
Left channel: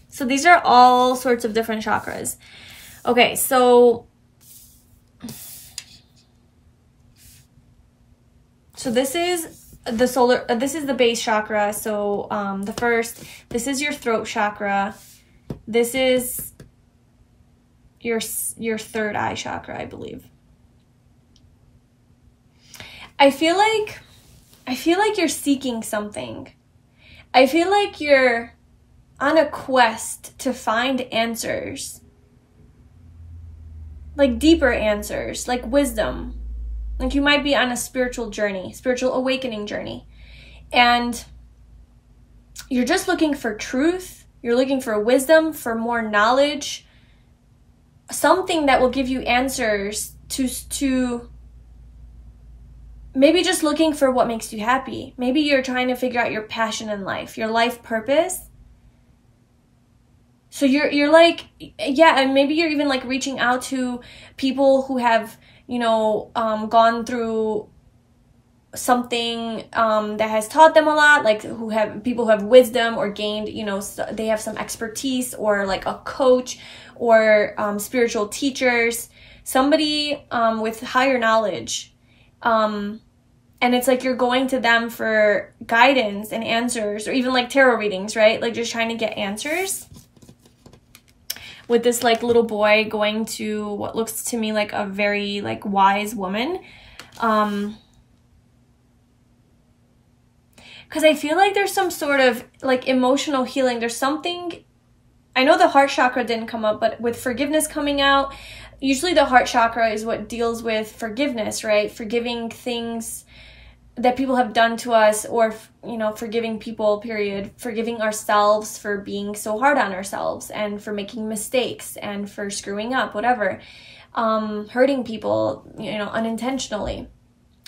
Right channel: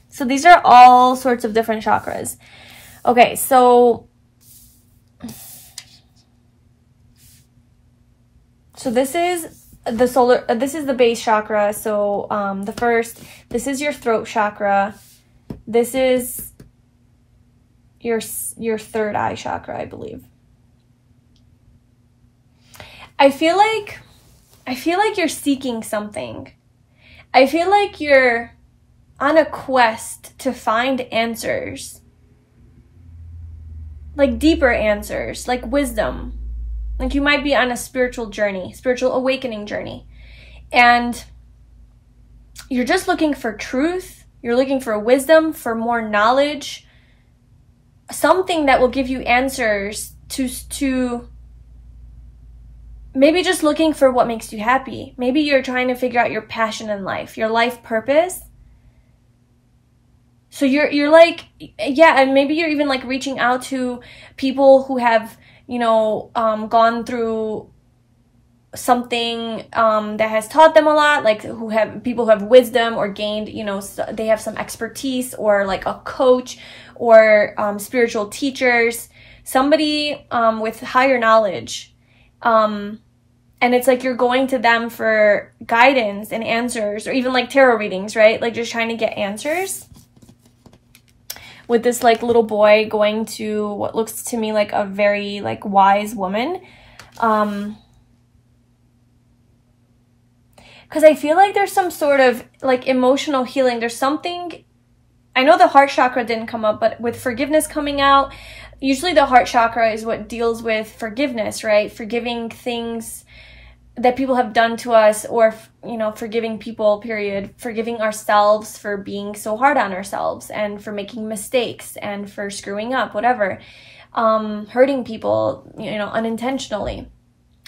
So these are all sorts of different chakras. Okay, so this is the solar, this is the base chakra. So the first, this is your throat chakra. This is your third eye chakra, I believe. I feel like you're seeking something. I feel like you're on a quest to find answers, like deeper answers, like wisdom. Like you might be on a spiritual journey, spiritual awakening journey, and you're just looking for truth. You're looking for wisdom, for more knowledge, something that will give you answers to maybe just looking for what makes you happy. Maybe you're trying to figure out your passion in life, your life purpose. So you're like, yeah, and maybe you're even like reaching out to people who have, you know, gone through something that has taught them a lot, like people who have wisdom or gained, you know, they have some expertise, or like a coach or spiritual teachers, somebody with higher knowledge. And it's like you're going to them for guidance and answers, or even like tarot readings, right? Like just trying to get answers. With this like little boy going to what looks to me like a very like wise woman. Because I feel like there's some sort of like emotional healing. There's something, I know the heart chakra didn't come up, but with forgiveness coming out, usually the heart chakra is what deals with forgiveness, right? Forgiving things that people have done to us, or, you know, forgiving people, period. Forgiving ourselves for being so hard on ourselves, and for making mistakes, and for screwing up, whatever. Hurting people, you know, unintentionally.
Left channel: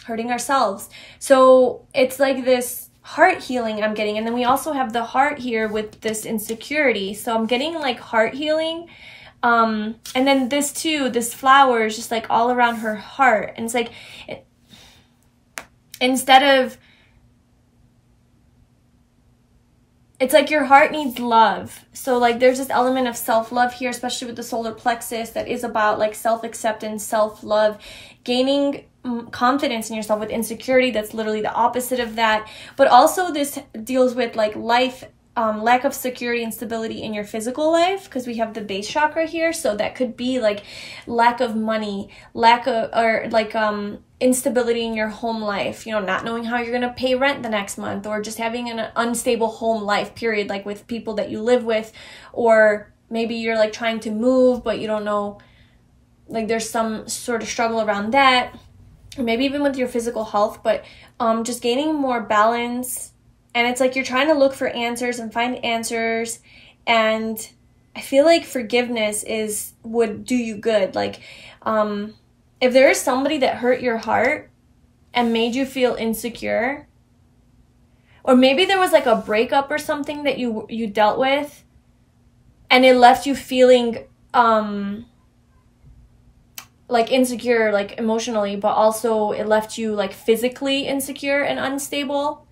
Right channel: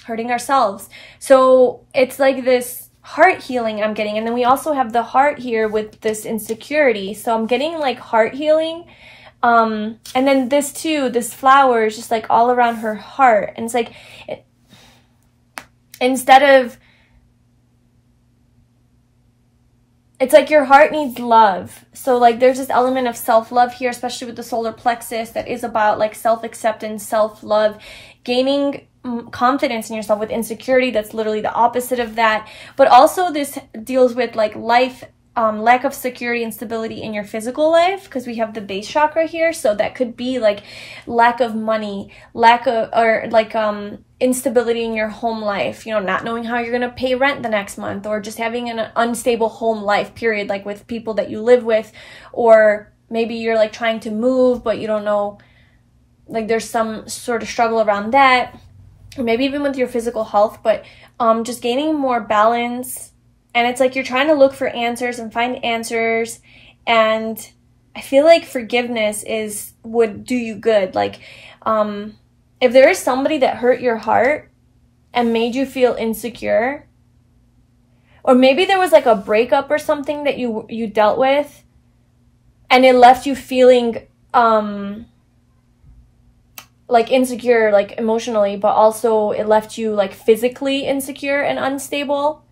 Hurting ourselves. So it's like this heart healing I'm getting. And then we also have the heart here with this insecurity. So I'm getting like heart healing. And then this too, this flower is just like all around her heart. And it's like, instead of, it's like your heart needs love. So like there's this element of self-love here, especially with the solar plexus, that is about like self-acceptance, self-love, gaining confidence in yourself. With insecurity, that's literally the opposite of that. But also this deals with like life, lack of security and stability in your physical life, because we have the base chakra here. So that could be like lack of money, lack of, or like instability in your home life, you know, not knowing how you're going to pay rent the next month, or just having an unstable home life, period, like with people that you live with. Or maybe you're like trying to move, but you don't know, like there's some sort of struggle around that. Or maybe even with your physical health, but just gaining more balance. And it's like you're trying to look for answers and find answers. And I feel like forgiveness would do you good. Like, if there is somebody that hurt your heart and made you feel insecure, or maybe there was like a breakup or something that you dealt with, and it left you feeling like insecure, like emotionally, but also it left you like physically insecure and unstable.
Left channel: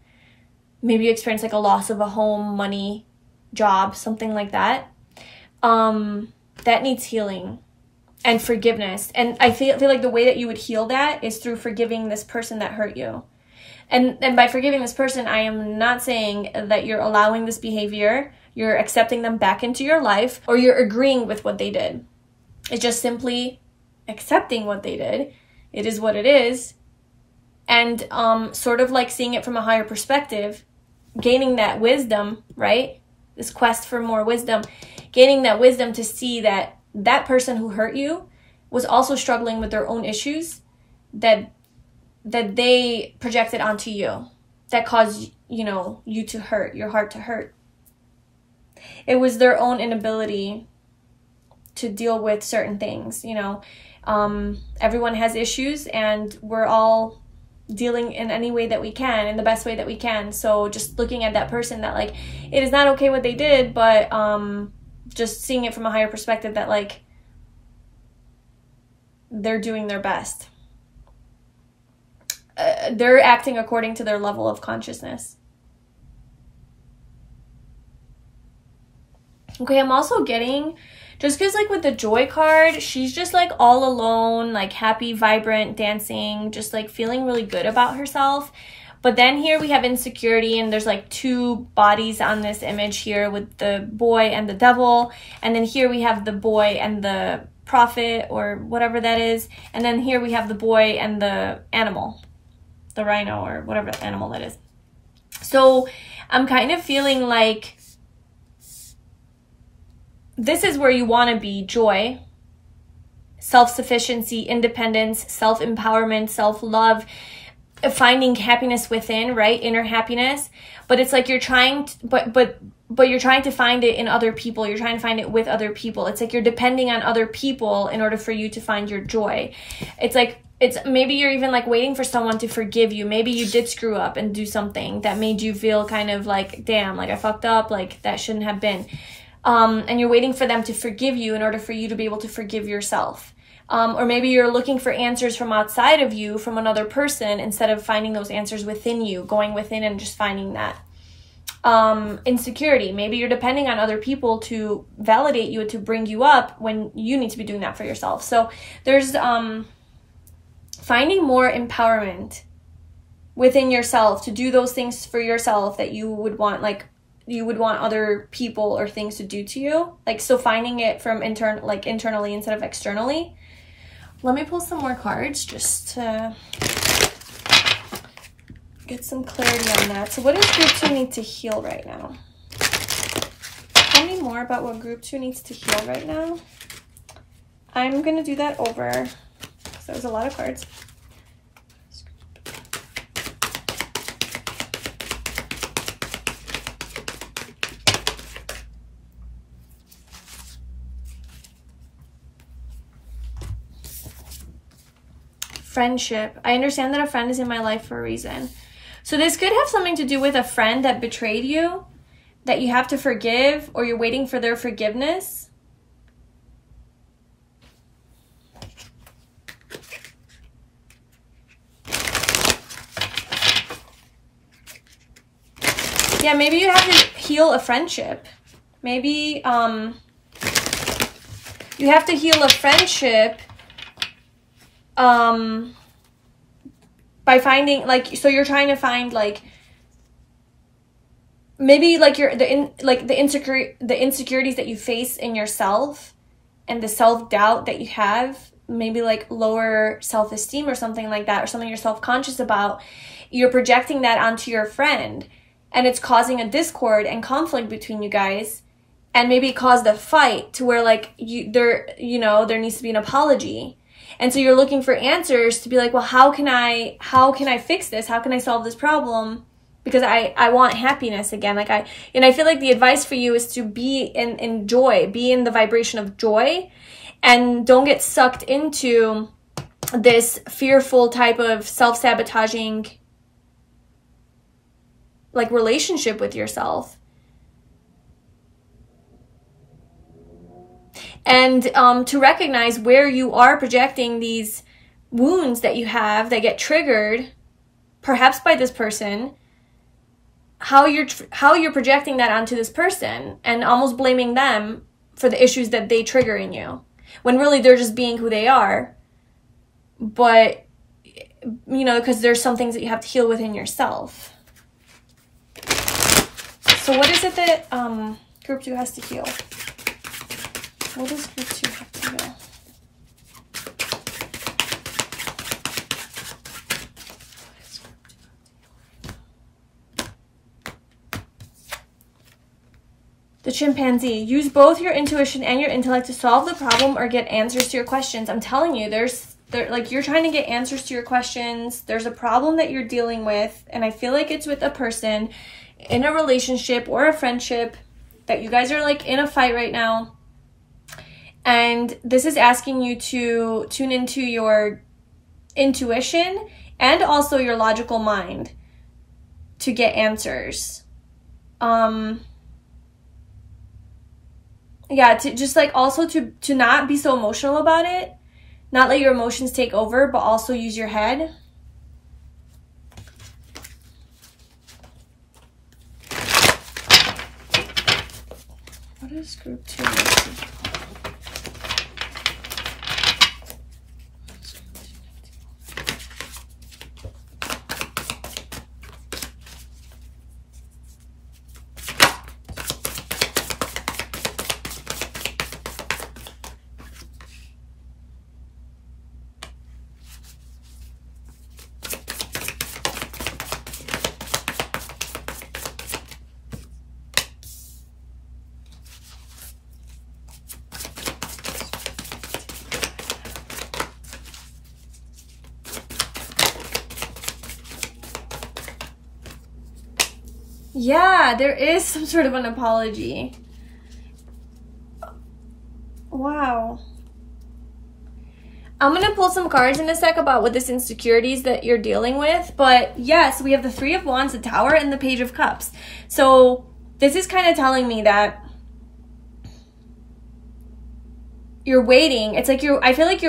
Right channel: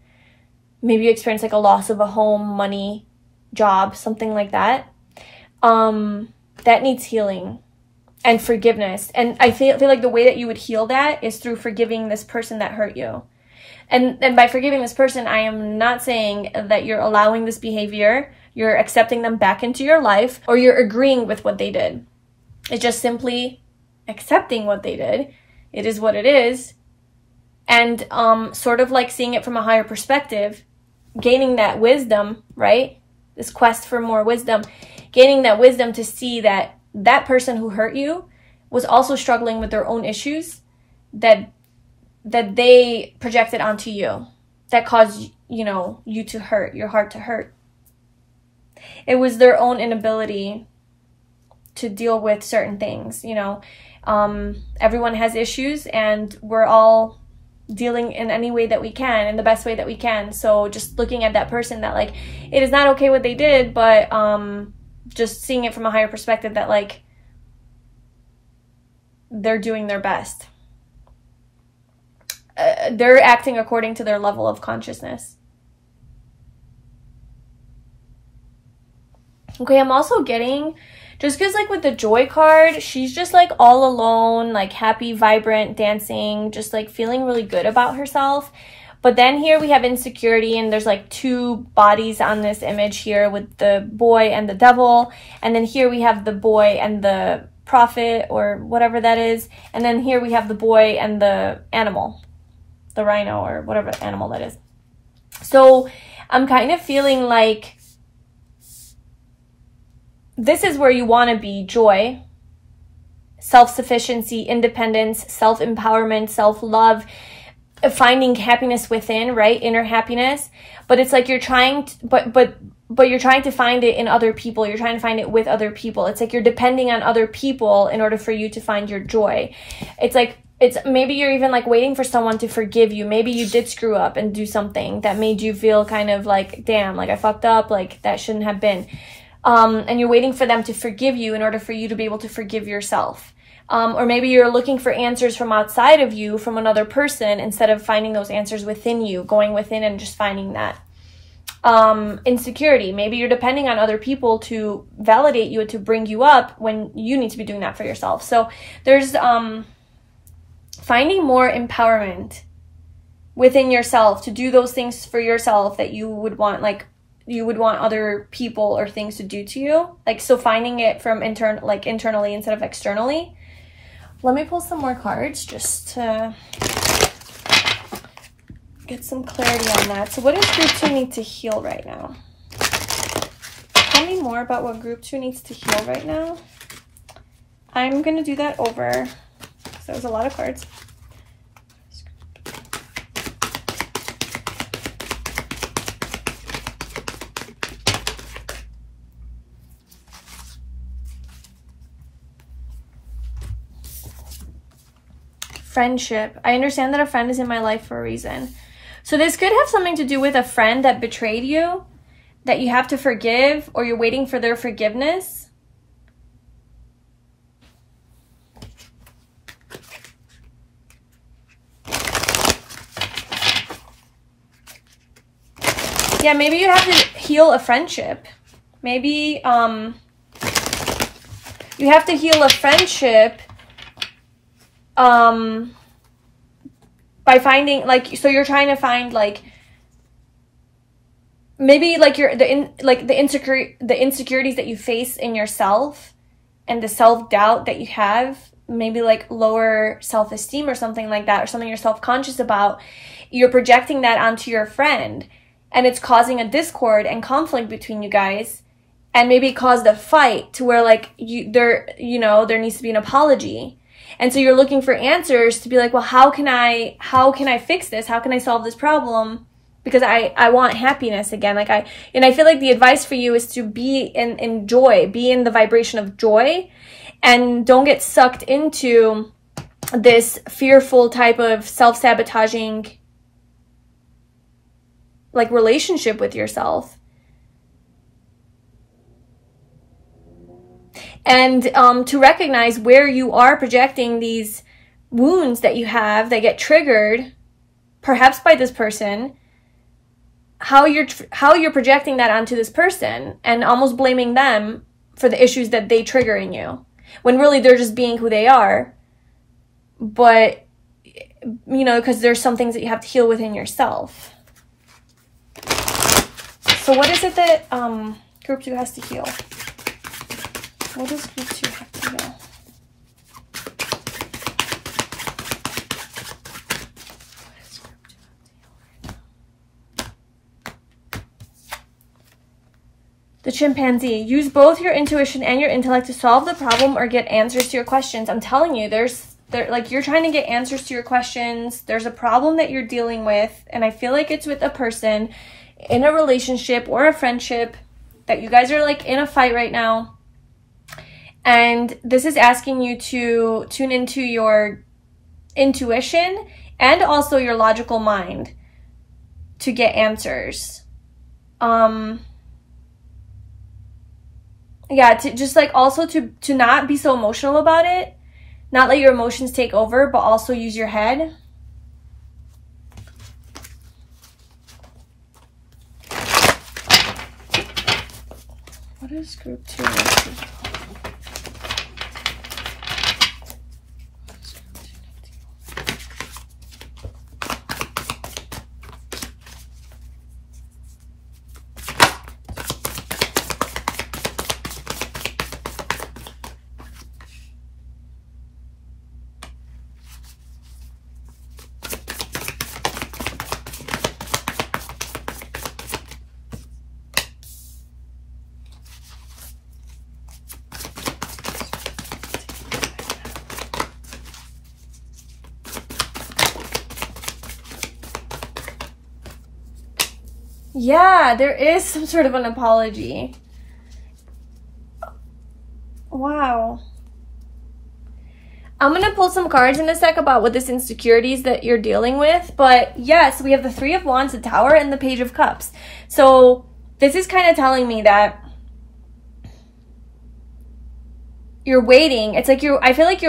Maybe you experienced like a loss of a home, money, job, something like that. That needs healing and forgiveness. And I feel like the way that you would heal that is through forgiving this person that hurt you. And by forgiving this person, I am not saying that you're allowing this behavior, you're accepting them back into your life, or you're agreeing with what they did. It's just simply accepting what they did. It is what it is. And sort of like seeing it from a higher perspective, gaining that wisdom, right? This quest for more wisdom, gaining that wisdom to see that that person who hurt you was also struggling with their own issues that they projected onto you, that caused, you know, you to hurt, your heart to hurt. It was their own inability to deal with certain things, you know. Everyone has issues, and we're all dealing in any way that we can, in the best way that we can. So just looking at that person, that like, it is not okay what they did, but just seeing it from a higher perspective, that like, they're doing their best. They're acting according to their level of consciousness. Okay, I'm also getting, just because like with the joy card, she's just like all alone, like happy, vibrant, dancing, just like feeling really good about herself. But then here we have insecurity, and there's like two bodies on this image here with the boy and the devil. And then here we have the boy and the prophet, or whatever that is. And then here we have the boy and the animal, the rhino, or whatever animal that is. So I'm kind of feeling like this is where you want to be: joy, self-sufficiency, independence, self-empowerment, self-love, finding happiness within, right? Inner happiness. But it's like you're trying to, but you're trying to find it in other people. You're trying to find it with other people. It's like you're depending on other people in order for you to find your joy. It's like, it's maybe you're even like waiting for someone to forgive you. Maybe you did screw up and do something that made you feel kind of like, damn, like I fucked up, like that shouldn't have been. And you're waiting for them to forgive you in order for you to be able to forgive yourself. Or maybe you're looking for answers from outside of you, from another person, instead of finding those answers within you, going within and just finding that. Insecurity. Maybe you're depending on other people to validate you and to bring you up when you need to be doing that for yourself. So there's finding more empowerment within yourself to do those things for yourself that you would want, like you would want other people or things to do to you. Like, so finding it from internally instead of externally. Let me pull some more cards just to get some clarity on that. So what does group 2 need to heal right now? Tell me more about what group 2 needs to heal right now. I'm going to do that over. So there's a lot of cards. Friendship. I understand that a friend is in my life for a reason. So this could have something to do with a friend that betrayed you, that you have to forgive, or you're waiting for their forgiveness. Yeah, maybe you have to heal a friendship. Maybe you have to heal a friendship by finding, like, so you're trying to find, like, maybe like the insecurities that you face in yourself and the self-doubt that you have, maybe like lower self-esteem or something like that, or something you're self-conscious about. You're projecting that onto your friend, and it's causing a discord and conflict between you guys, and maybe it caused a fight to where like there needs to be an apology. And so you're looking for answers to be like, well, how can I fix this? How can I solve this problem? Because I want happiness again. Like I feel like the advice for you is to be in joy, be in the vibration of joy, and don't get sucked into this fearful type of self-sabotaging like relationship with yourself. And to recognize where you are projecting these wounds that you have that get triggered, perhaps by this person, how you're projecting that onto this person and almost blaming them for the issues that they trigger in you, when really they're just being who they are. But, you know, because there's some things that you have to heal within yourself. So what is it that group 2 has to heal? What does group 2 have to heal? The chimpanzee. Use both your intuition and your intellect to solve the problem or get answers to your questions. I'm telling you, like, you're trying to get answers to your questions. There's a problem that you're dealing with, and I feel like it's with a person in a relationship or a friendship that you guys are like in a fight right now. And this is asking you to tune into your intuition and also your logical mind to get answers. Yeah, to just like also to not be so emotional about it, not let your emotions take over, but also use your head. What is group 2? Yeah, there is some sort of an apology. Wow. I'm gonna pull some cards in a sec about what this insecurities that you're dealing with. But yes, we have the Three of Wands, the Tower, and the Page of Cups. So this is kind of telling me that you're waiting. It's like I feel like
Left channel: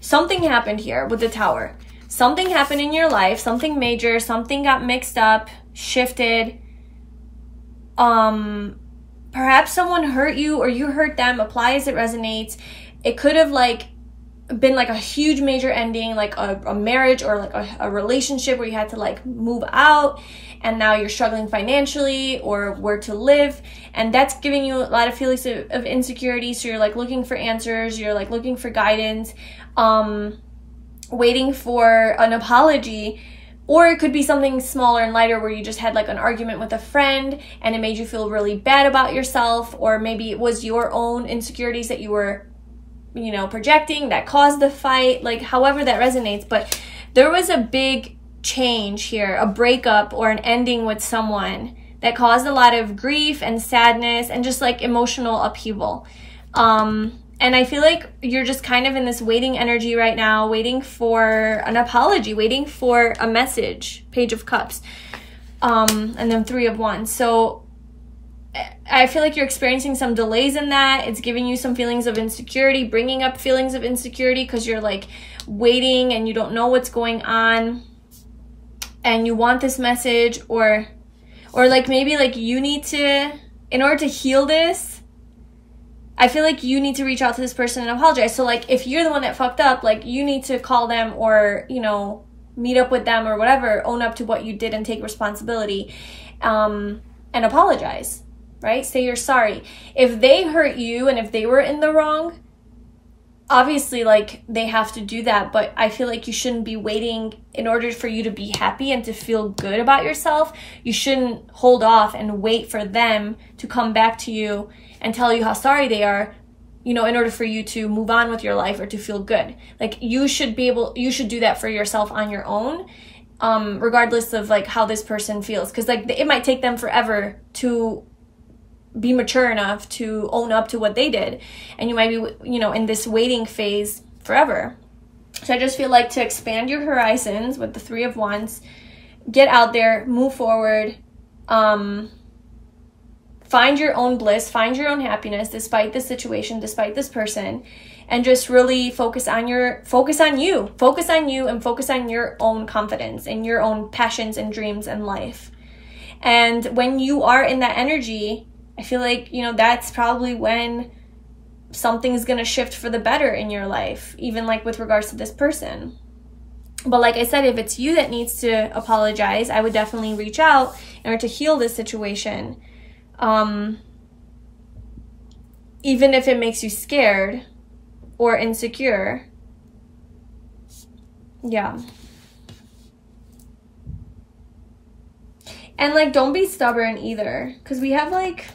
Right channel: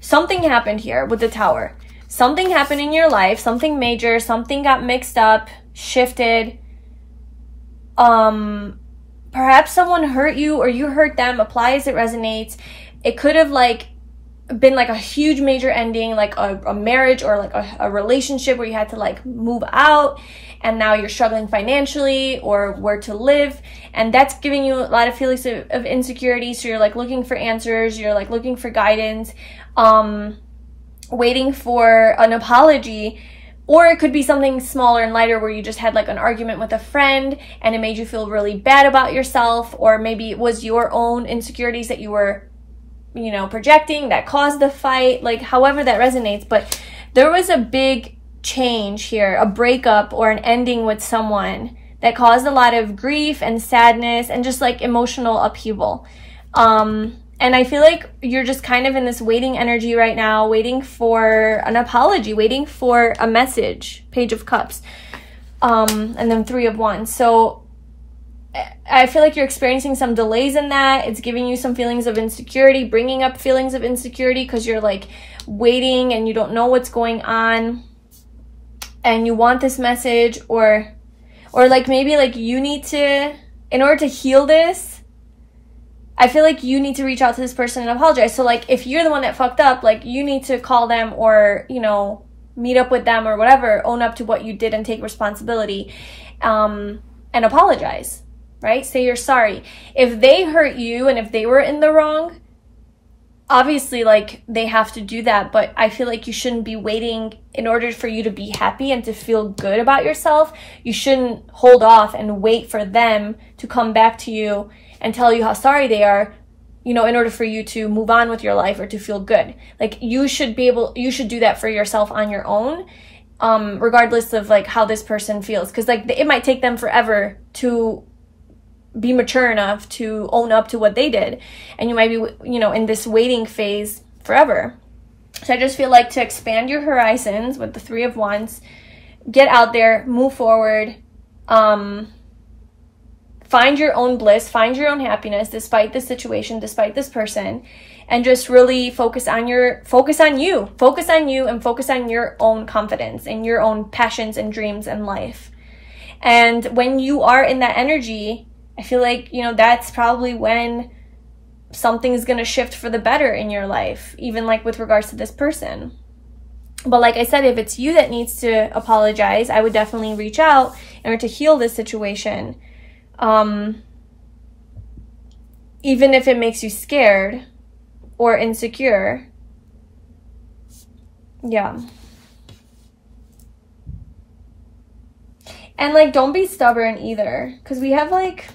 something happened here with the Tower. Something happened in your life, something major, something got mixed up, shifted. Perhaps someone hurt you or you hurt them. Apply as it resonates. It could have like been like a huge major ending, like a marriage or like a relationship where you had to like move out and now you're struggling financially or where to live, and that's giving you a lot of feelings of insecurity. So you're like looking for answers, you're like looking for guidance, waiting for an apology. Or it could be something smaller and lighter where you just had like an argument with a friend and it made you feel really bad about yourself, or maybe it was your own insecurities that you were, you know, projecting that caused the fight, like however that resonates. But there was a big change here, a breakup or an ending with someone that caused a lot of grief and sadness and just like emotional upheaval. And I feel like you're just kind of in this waiting energy right now, waiting for an apology, waiting for a message, Page of Cups, and then Three of Wands. So I feel like you're experiencing some delays in that. It's giving you some feelings of insecurity, bringing up feelings of insecurity because you're like waiting and you don't know what's going on and you want this message, or like maybe like you need to, in order to heal this, I feel like you need to reach out to this person and apologize. So like if you're the one that fucked up, like you need to call them or, you know, meet up with them or whatever, own up to what you did and take responsibility, and apologize, right? Say you're sorry. If they hurt you and if they were in the wrong, obviously like they have to do that, but I feel like you shouldn't be waiting in order for you to be happy and to feel good about yourself. You shouldn't hold off and wait for them to come back to you and tell you how sorry they are, you know, in order for you to move on with your life or to feel good. Like you should do that for yourself on your own, regardless of like how this person feels. Cause like it might take them forever to be mature enough to own up to what they did. And you might be, you know, in this waiting phase forever. So I just feel like to expand your horizons with the Three of Wands, get out there, move forward, find your own bliss, find your own happiness despite the situation, despite this person, and just really focus on you and focus on your own confidence and your own passions and dreams in life. And when you are in that energy, I feel like, you know, that's probably when something's going to shift for the better in your life, even like with regards to this person. But like I said, if it's you that needs to apologize, I would definitely reach out in order to heal this situation. Even if it makes you scared or insecure. Yeah. And like, don't be stubborn either, because we have like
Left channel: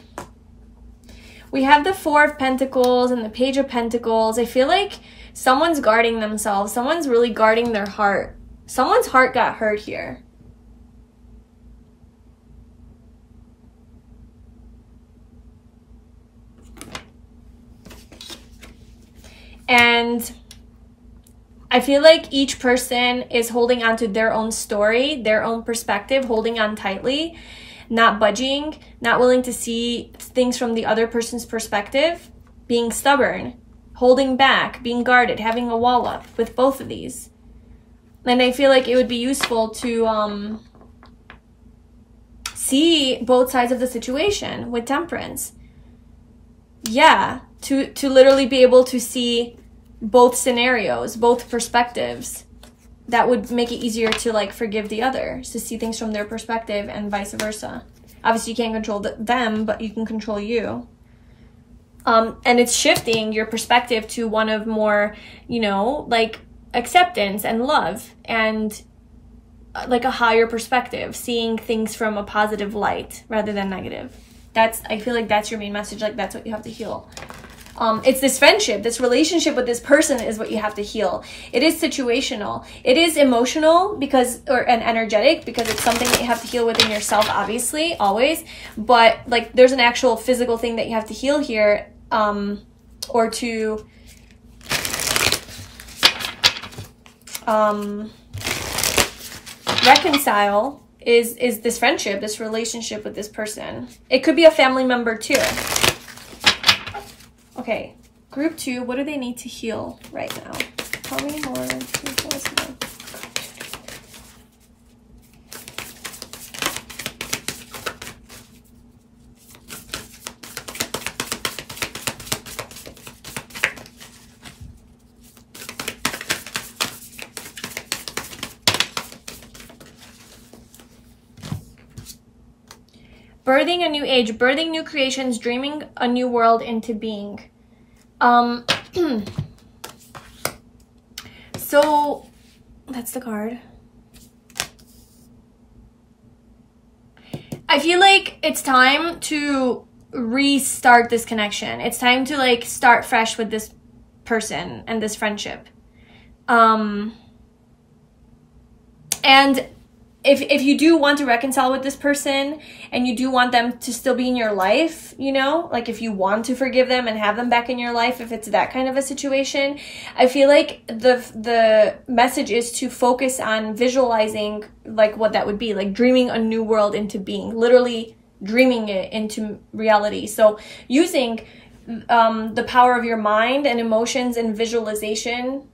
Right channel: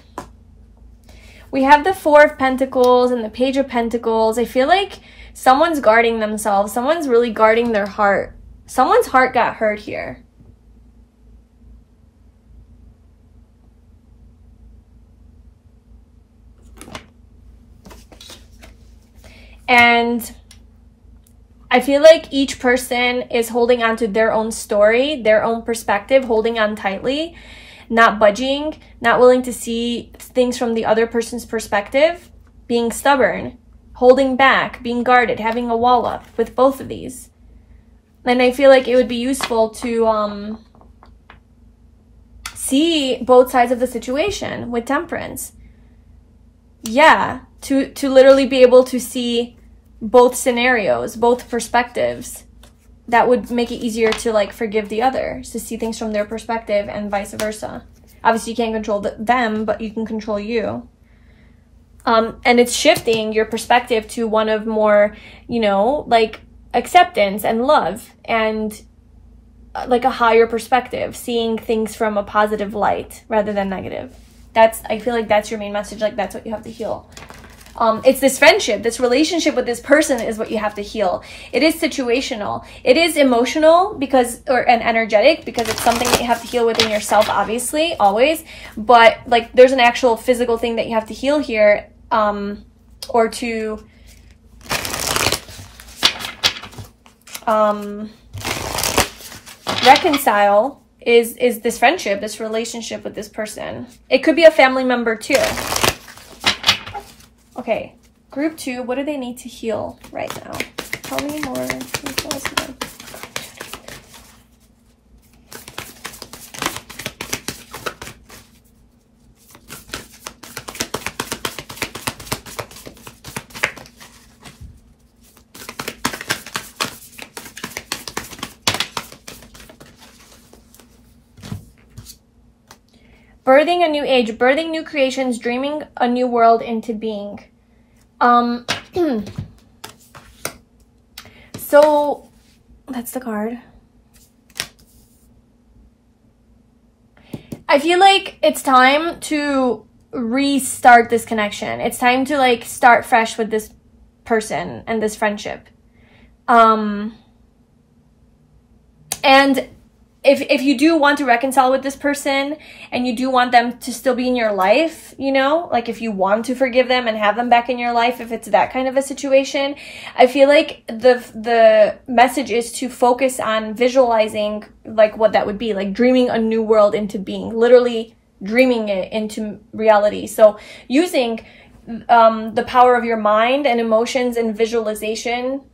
We have the Four of Pentacles and the Page of Pentacles. I feel like someone's guarding themselves. Someone's really guarding their heart. Someone's heart got hurt here. And I feel like each person is holding on to their own story, their own perspective, holding on tightly, not budging, not willing to see things from the other person's perspective, being stubborn, holding back, being guarded, having a wall up with both of these. And I feel like it would be useful to see both sides of the situation with Temperance. Yeah, to literally be able to see both scenarios, both perspectives. That would make it easier to like forgive the other, to see things from their perspective and vice versa. Obviously you can't control them, but you can control you. And it's shifting your perspective to one of more, you know, like acceptance and love and like a higher perspective, seeing things from a positive light rather than negative. I feel like that's your main message. Like that's what you have to heal. It's this friendship, this relationship with this person is what you have to heal. It is situational. It is emotional and energetic because it's something that you have to heal within yourself, obviously, always. But like there's an actual physical thing that you have to heal here, or to reconcile is this friendship, this relationship with this person. It could be a family member too. Okay, group 2, what do they need to heal right now? Tell me more. Birthing a new age, birthing new creations, dreaming a new world into being. So that's the card. I feel like it's time to restart this connection. It's time to like start fresh with this person and this friendship. And if you do want to reconcile with this person and you do want them to still be in your life, you know, like if you want to forgive them and have them back in your life, if it's that kind of a situation, I feel like the message is to focus on visualizing like what that would be, like dreaming a new world into being, literally dreaming it into reality. So using the power of your mind and emotions and visualization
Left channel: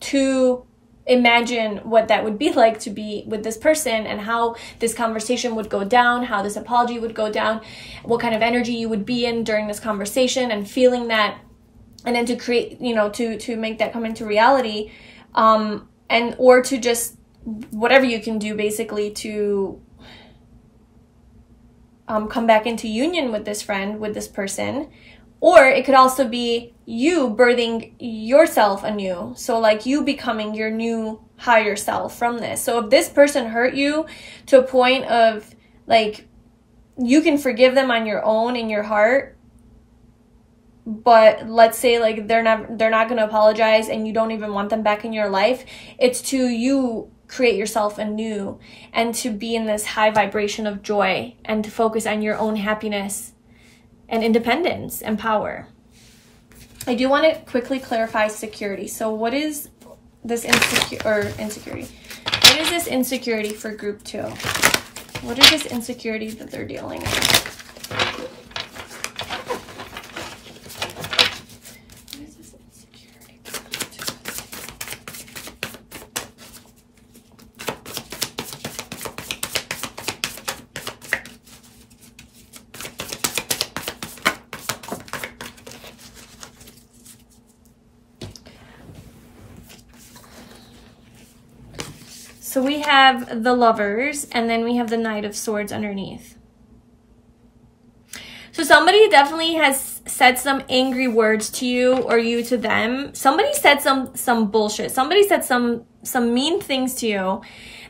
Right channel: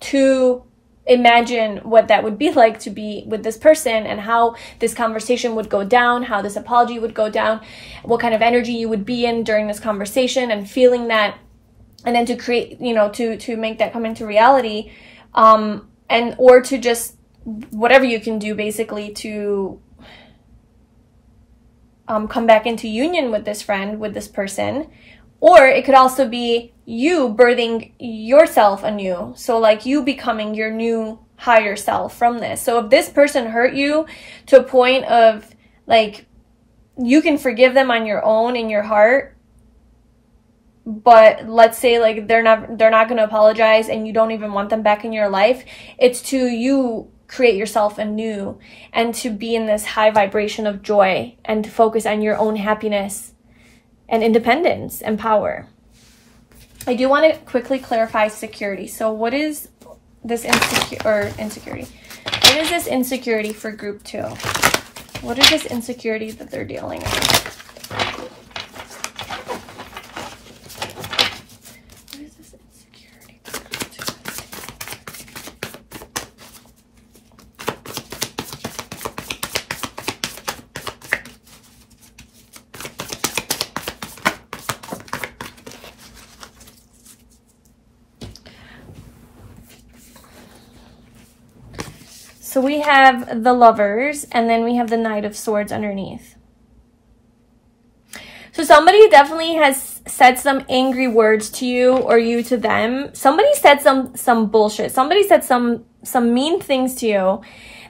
to imagine what that would be like to be with this person and how this conversation would go down, how this apology would go down, what kind of energy you would be in during this conversation, and feeling that, and then to create, you know, to make that come into reality, and or to just whatever you can do basically to come back into union with this friend, with this person. Or it could also be you birthing yourself anew. So like you becoming your new higher self from this. So if this person hurt you to a point of like, you can forgive them on your own in your heart, but let's say like they're not going to apologize and you don't even want them back in your life. It's to you create yourself anew and to be in this high vibration of joy and to focus on your own happiness and independence and power. I do want to quickly clarify security. So what is this insecurity? What is this insecurity for group 2? What is this insecurity that they're dealing with? So we have the Lovers, and then we have the Knight of Swords underneath. So somebody definitely has said some angry words to you, or you to them. Somebody said some bullshit. Somebody said some mean things to you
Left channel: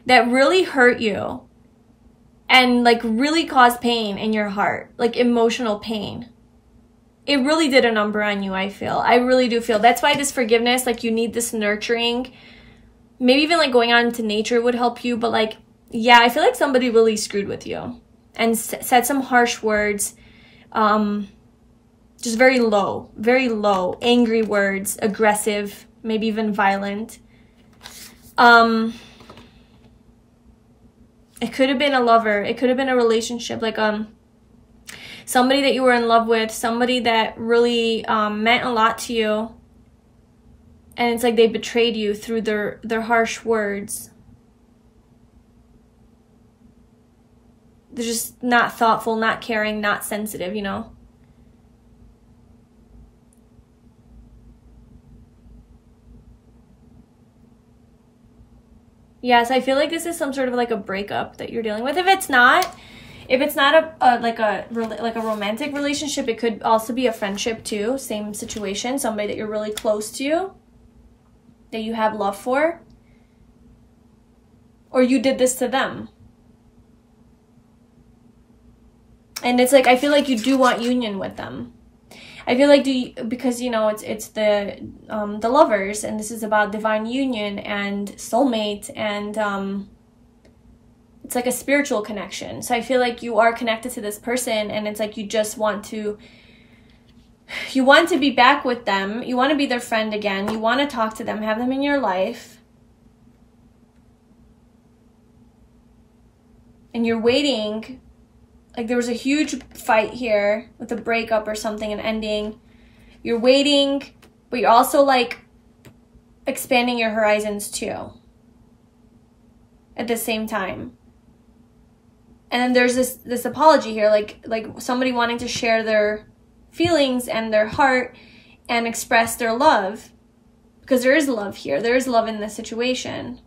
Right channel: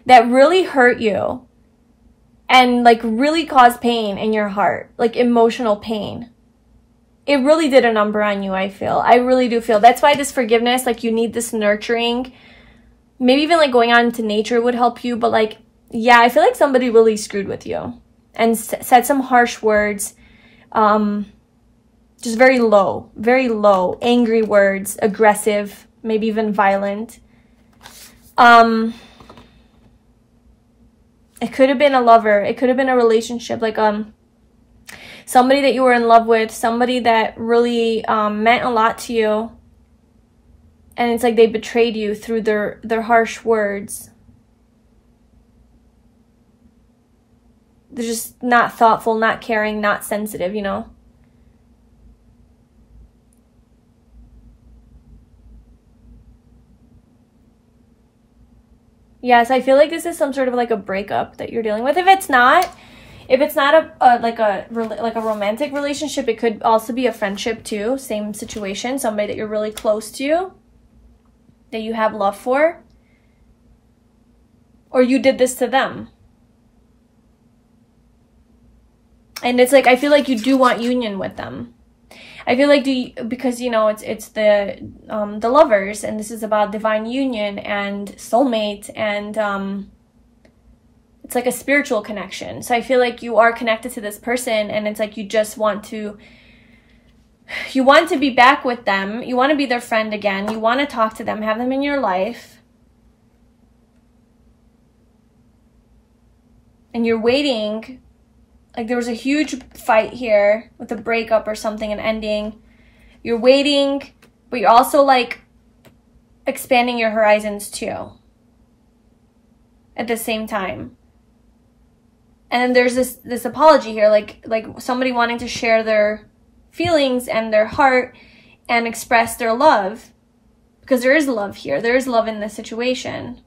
that really hurt you and like really caused pain in your heart, like emotional pain. it really did a number on you, I feel. I really do feel. That's why this forgiveness, like, you need this nurturing. Maybe even, like, going out into nature would help you. But, like, yeah, I feel like somebody really screwed with you and said some harsh words. Just very low, angry words, aggressive, maybe even violent. It could have been a lover. It could have been a relationship, like, somebody that you were in love with, somebody that really meant a lot to you, and it's like they betrayed you through their harsh words. They're just not thoughtful, not caring, not sensitive, you know? Yes, I feel like this is some sort of like a breakup that you're dealing with. If it's not a romantic relationship, it could also be a friendship too. Same situation, somebody that you're really close to, that you have love for, or you did this to them. And it's like, I feel like you do want union with them. I feel like because, you know, it's the lovers, and this is about divine union and soulmate, and it's like a spiritual connection. So I feel like you are connected to this person, and it's like you just want to be back with them. You want to be their friend again. You want to talk to them, have them in your life. And you're waiting. Like, there was a huge fight here with a breakup or something, an ending. You're waiting, but you're also, like, expanding your horizons too at the same time. And then there's this apology here, like somebody wanting to share their feelings and their heart and express their love, because there is love here. There is love in this situation.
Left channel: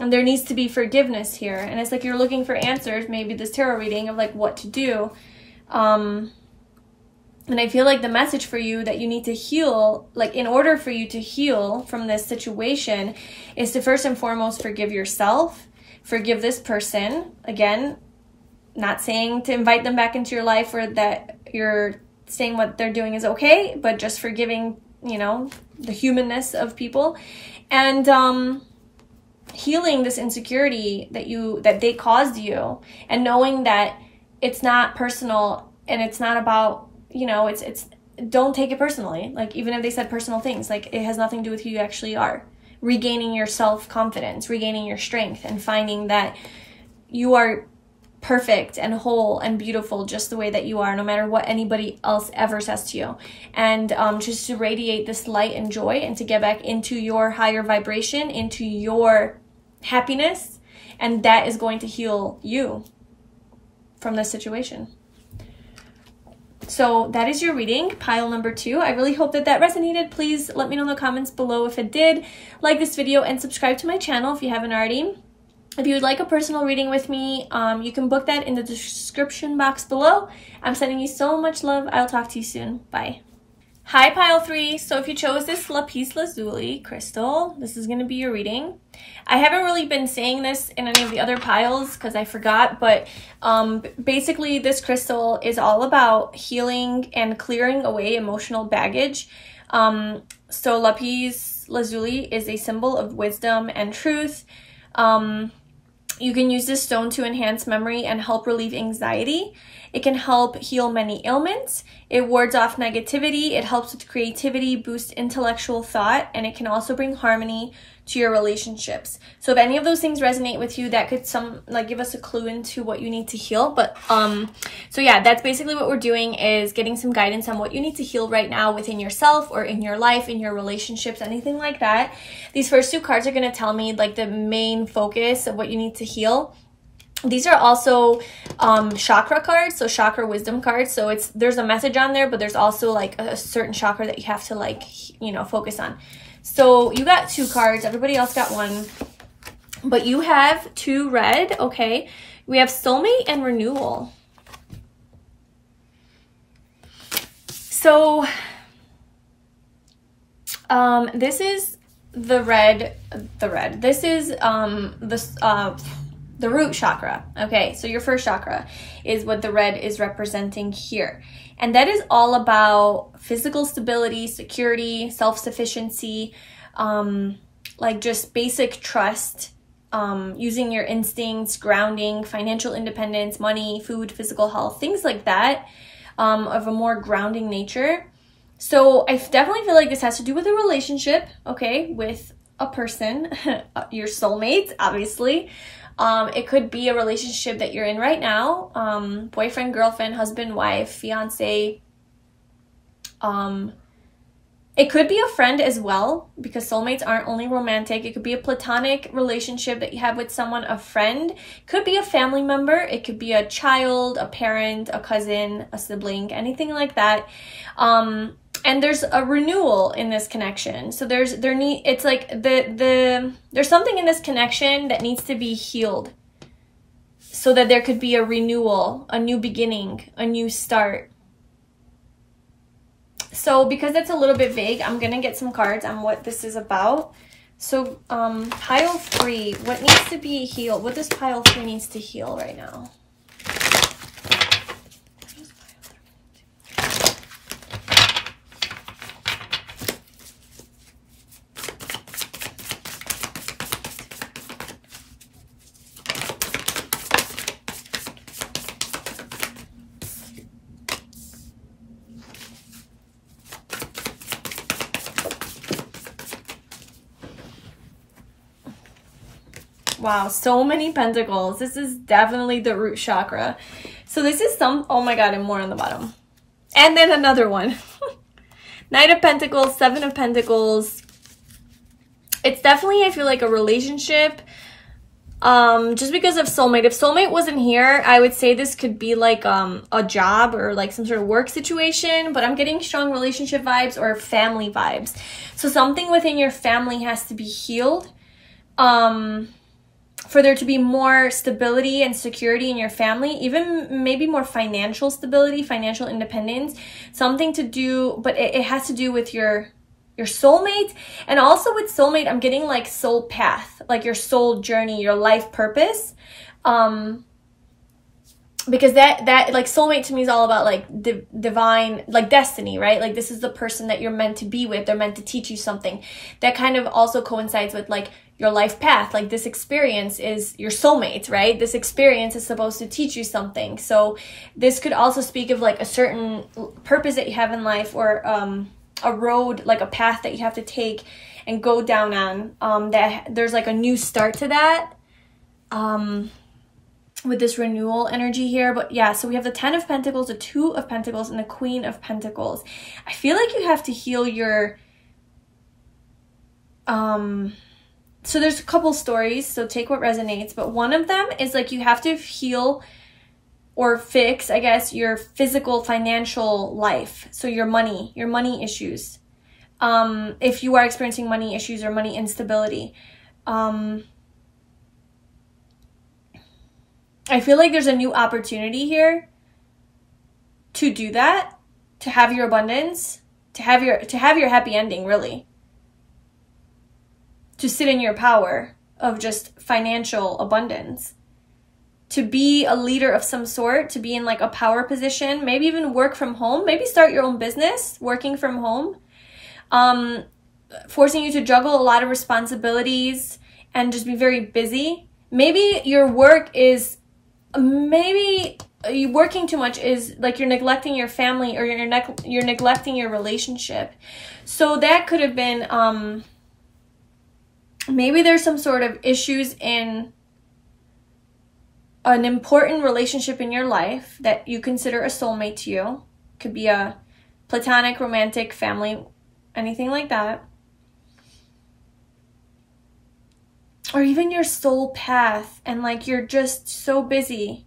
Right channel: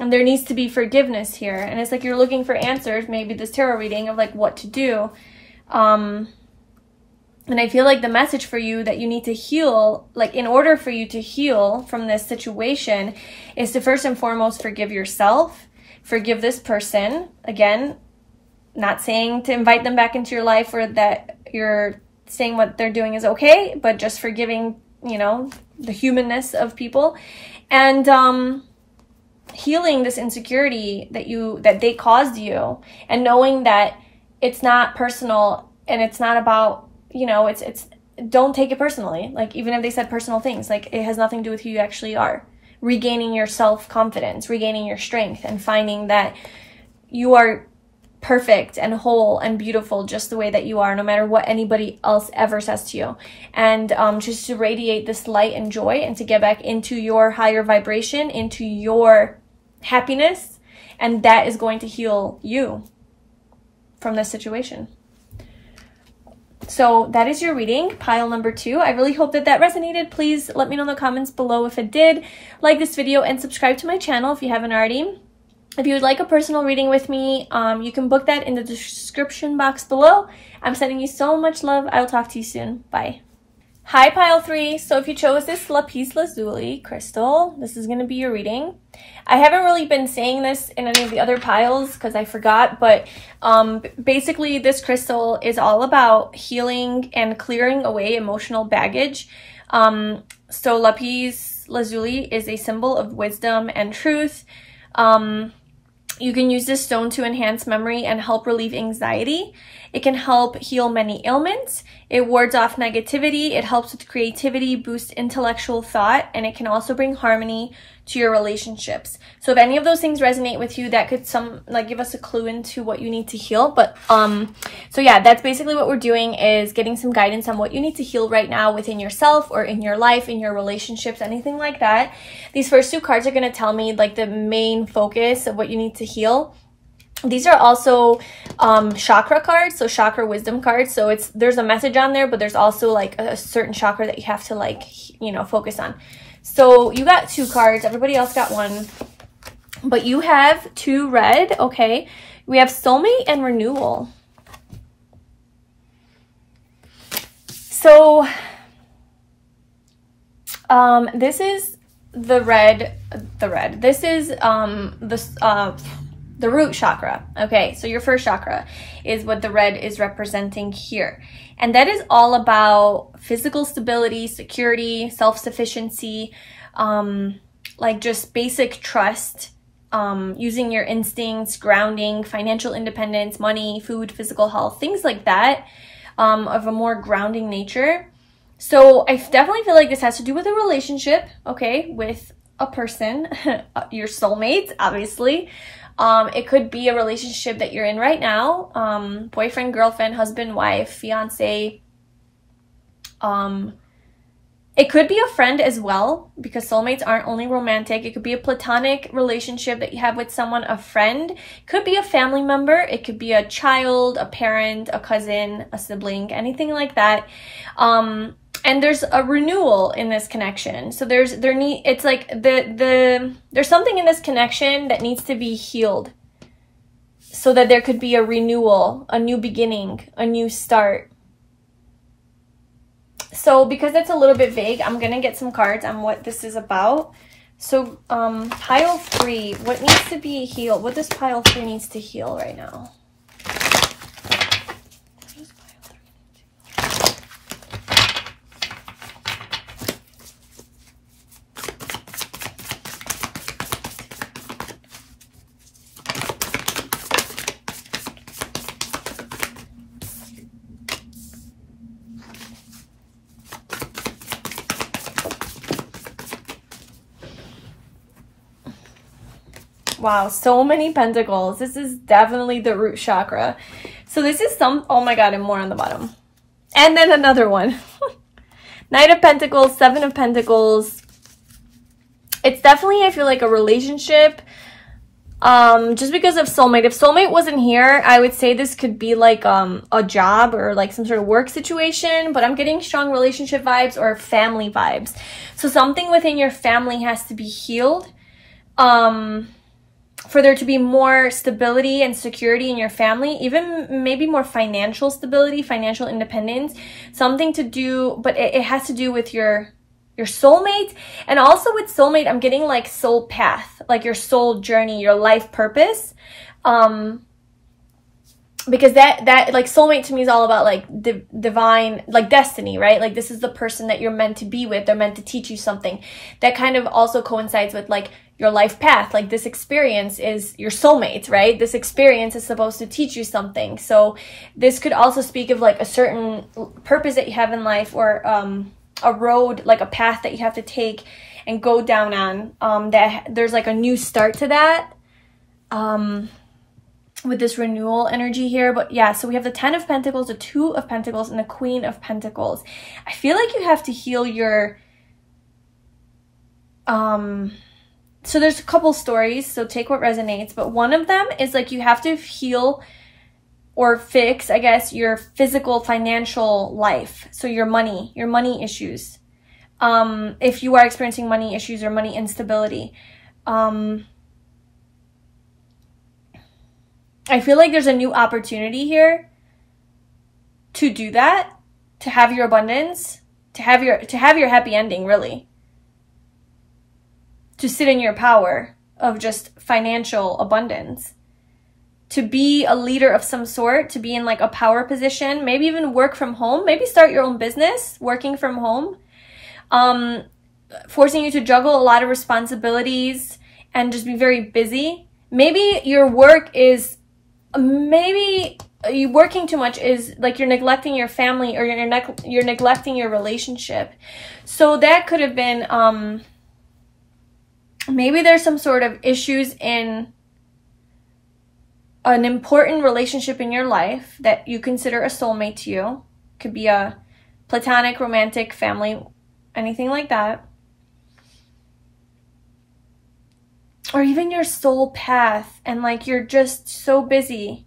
And there needs to be forgiveness here. And it's like you're looking for answers, maybe this tarot reading, of like what to do. And I feel like the message for you that you need to heal, like in order for you to heal from this situation, is to first and foremost forgive yourself, forgive this person. Again, not saying to invite them back into your life or that you're saying what they're doing is okay, but just forgiving, you know, the humanness of people. And healing this insecurity that they caused you, and knowing that it's not personal, and it's not about, you know, it's don't take it personally. Like, even if they said personal things, like, it has nothing to do with who you actually are. Regaining your self-confidence, regaining your strength, and finding that you are perfect and whole and beautiful just the way that you are, no matter what anybody else ever says to you. And just to radiate this light and joy, and to get back into your higher vibration, into your happiness, and that is going to heal you from this situation. So that is your reading, pile number 2. I really hope that resonated. Please let me know in the comments below if it did. Like this video and subscribe to my channel if you haven't already. If you would like a personal reading with me, you can book that in the description box below. I'm sending you so much love. I'll talk to you soon. Bye. Hi, pile 3. So if you chose this Lapis Lazuli crystal, this is going to be your reading. I haven't really been saying this in any of the other piles because I forgot, but basically this crystal is all about healing and clearing away emotional baggage. So Lapis Lazuli is a symbol of wisdom and truth. You can use this stone to enhance memory and help relieve anxiety. It can help heal many ailments. It wards off negativity. It helps with creativity, boosts intellectual thought, and it can also bring harmony to your relationships. So if any of those things resonate with you, that could give us a clue into what you need to heal. But so yeah, that's basically what we're doing, is getting some guidance on what you need to heal right now within yourself or in your life, in your relationships, anything like that. These first 2 cards are going to tell me like the main focus of what you need to heal. These are also chakra cards, so chakra wisdom cards. So there's a message on there, but there's also like a certain chakra that you have to, like, you know, focus on. So you got 2 cards, everybody else got 1, but you have 2 red. Okay, we have soulmate and renewal. So this is the red. This is the the root chakra. Okay, so your first chakra is what the red is representing here. And that is all about physical stability, security, self-sufficiency, like just basic trust, using your instincts, grounding, financial independence, money, food, physical health, things like that, of a more grounding nature. So I definitely feel like this has to do with a relationship, okay, with a person, your soulmate, obviously. It could be a relationship that you're in right now, boyfriend, girlfriend, husband, wife, fiance. It could be a friend as well, because soulmates aren't only romantic. It could be a platonic relationship that you have with someone, a friend. It could be a family member. It could be a child, a parent, a cousin, a sibling, anything like that. And there's a renewal in this connection. So there's something in this connection that needs to be healed, so that there could be a renewal, a new beginning, a new start. So because it's a little bit vague, I'm gonna get some cards on what this is about. So pile 3, what needs to be healed? What does pile 3 needs to heal right now? Wow, so many pentacles. This is definitely the root chakra. So this is oh my god, and more on the bottom. And then another one. Knight of Pentacles, 7 of Pentacles. It's definitely, I feel like, a relationship. Just because of soulmate. If soulmate wasn't here, I would say this could be like a job or like some sort of work situation, but I'm getting strong relationship vibes or family vibes. So something within your family has to be healed. For there to be more stability and security in your family, even maybe more financial stability, financial independence, something to do, but it has to do with your soulmate. And also with soulmate, I'm getting like soul path, like your soul journey, your life purpose. Because that like soulmate to me is all about like divine, like destiny, right? Like this is the person that you're meant to be with. They're meant to teach you something. That kind of also coincides with like your life path. Like this experience is your soulmate, right? This experience is supposed to teach you something. So this could also speak of like a certain purpose that you have in life, or a road, like a path that you have to take and go down on, that there's like a new start to that. With this renewal energy here. But yeah, so we have the 10 of Pentacles, the 2 of Pentacles, and the Queen of Pentacles. I feel like you have to heal your so there's a couple stories, so take what resonates, but one of them is like you have to heal or fix, I guess, your physical financial life. So your money issues. If you are experiencing money issues or money instability. I feel like there's a new opportunity here to do that, to have your abundance, to have your happy ending, really. To sit in your power of just financial abundance. To be a leader of some sort, to be in like a power position, maybe even work from home, maybe start your own business, working from home. Forcing you to juggle a lot of responsibilities and just be very busy. Maybe your work is, maybe you working too much is like you're neglecting your family, or you're neglecting your relationship. So that could have been, maybe there's some sort of issues in an important relationship in your life that you consider a soulmate to you. Could be a platonic, romantic, family, anything like that. Or even your soul path, and like you're just so busy.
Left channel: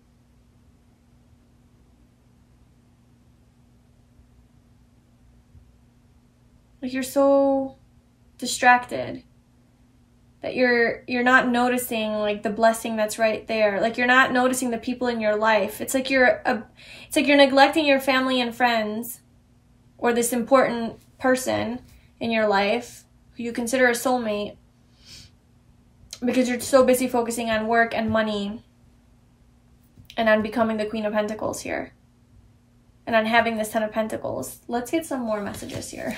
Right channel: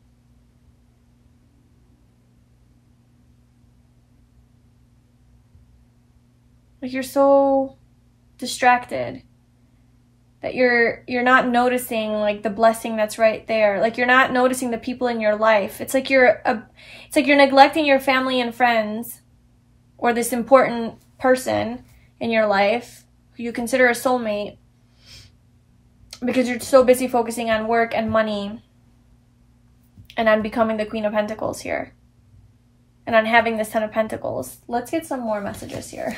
Like you're so distracted that you're not noticing like the blessing that's right there. Like you're not noticing the people in your life. It's like you're neglecting your family and friends, or this important person in your life who you consider a soulmate, because you're so busy focusing on work and money and on becoming the Queen of Pentacles here, and on having this Ten of Pentacles. Let's get some more messages here.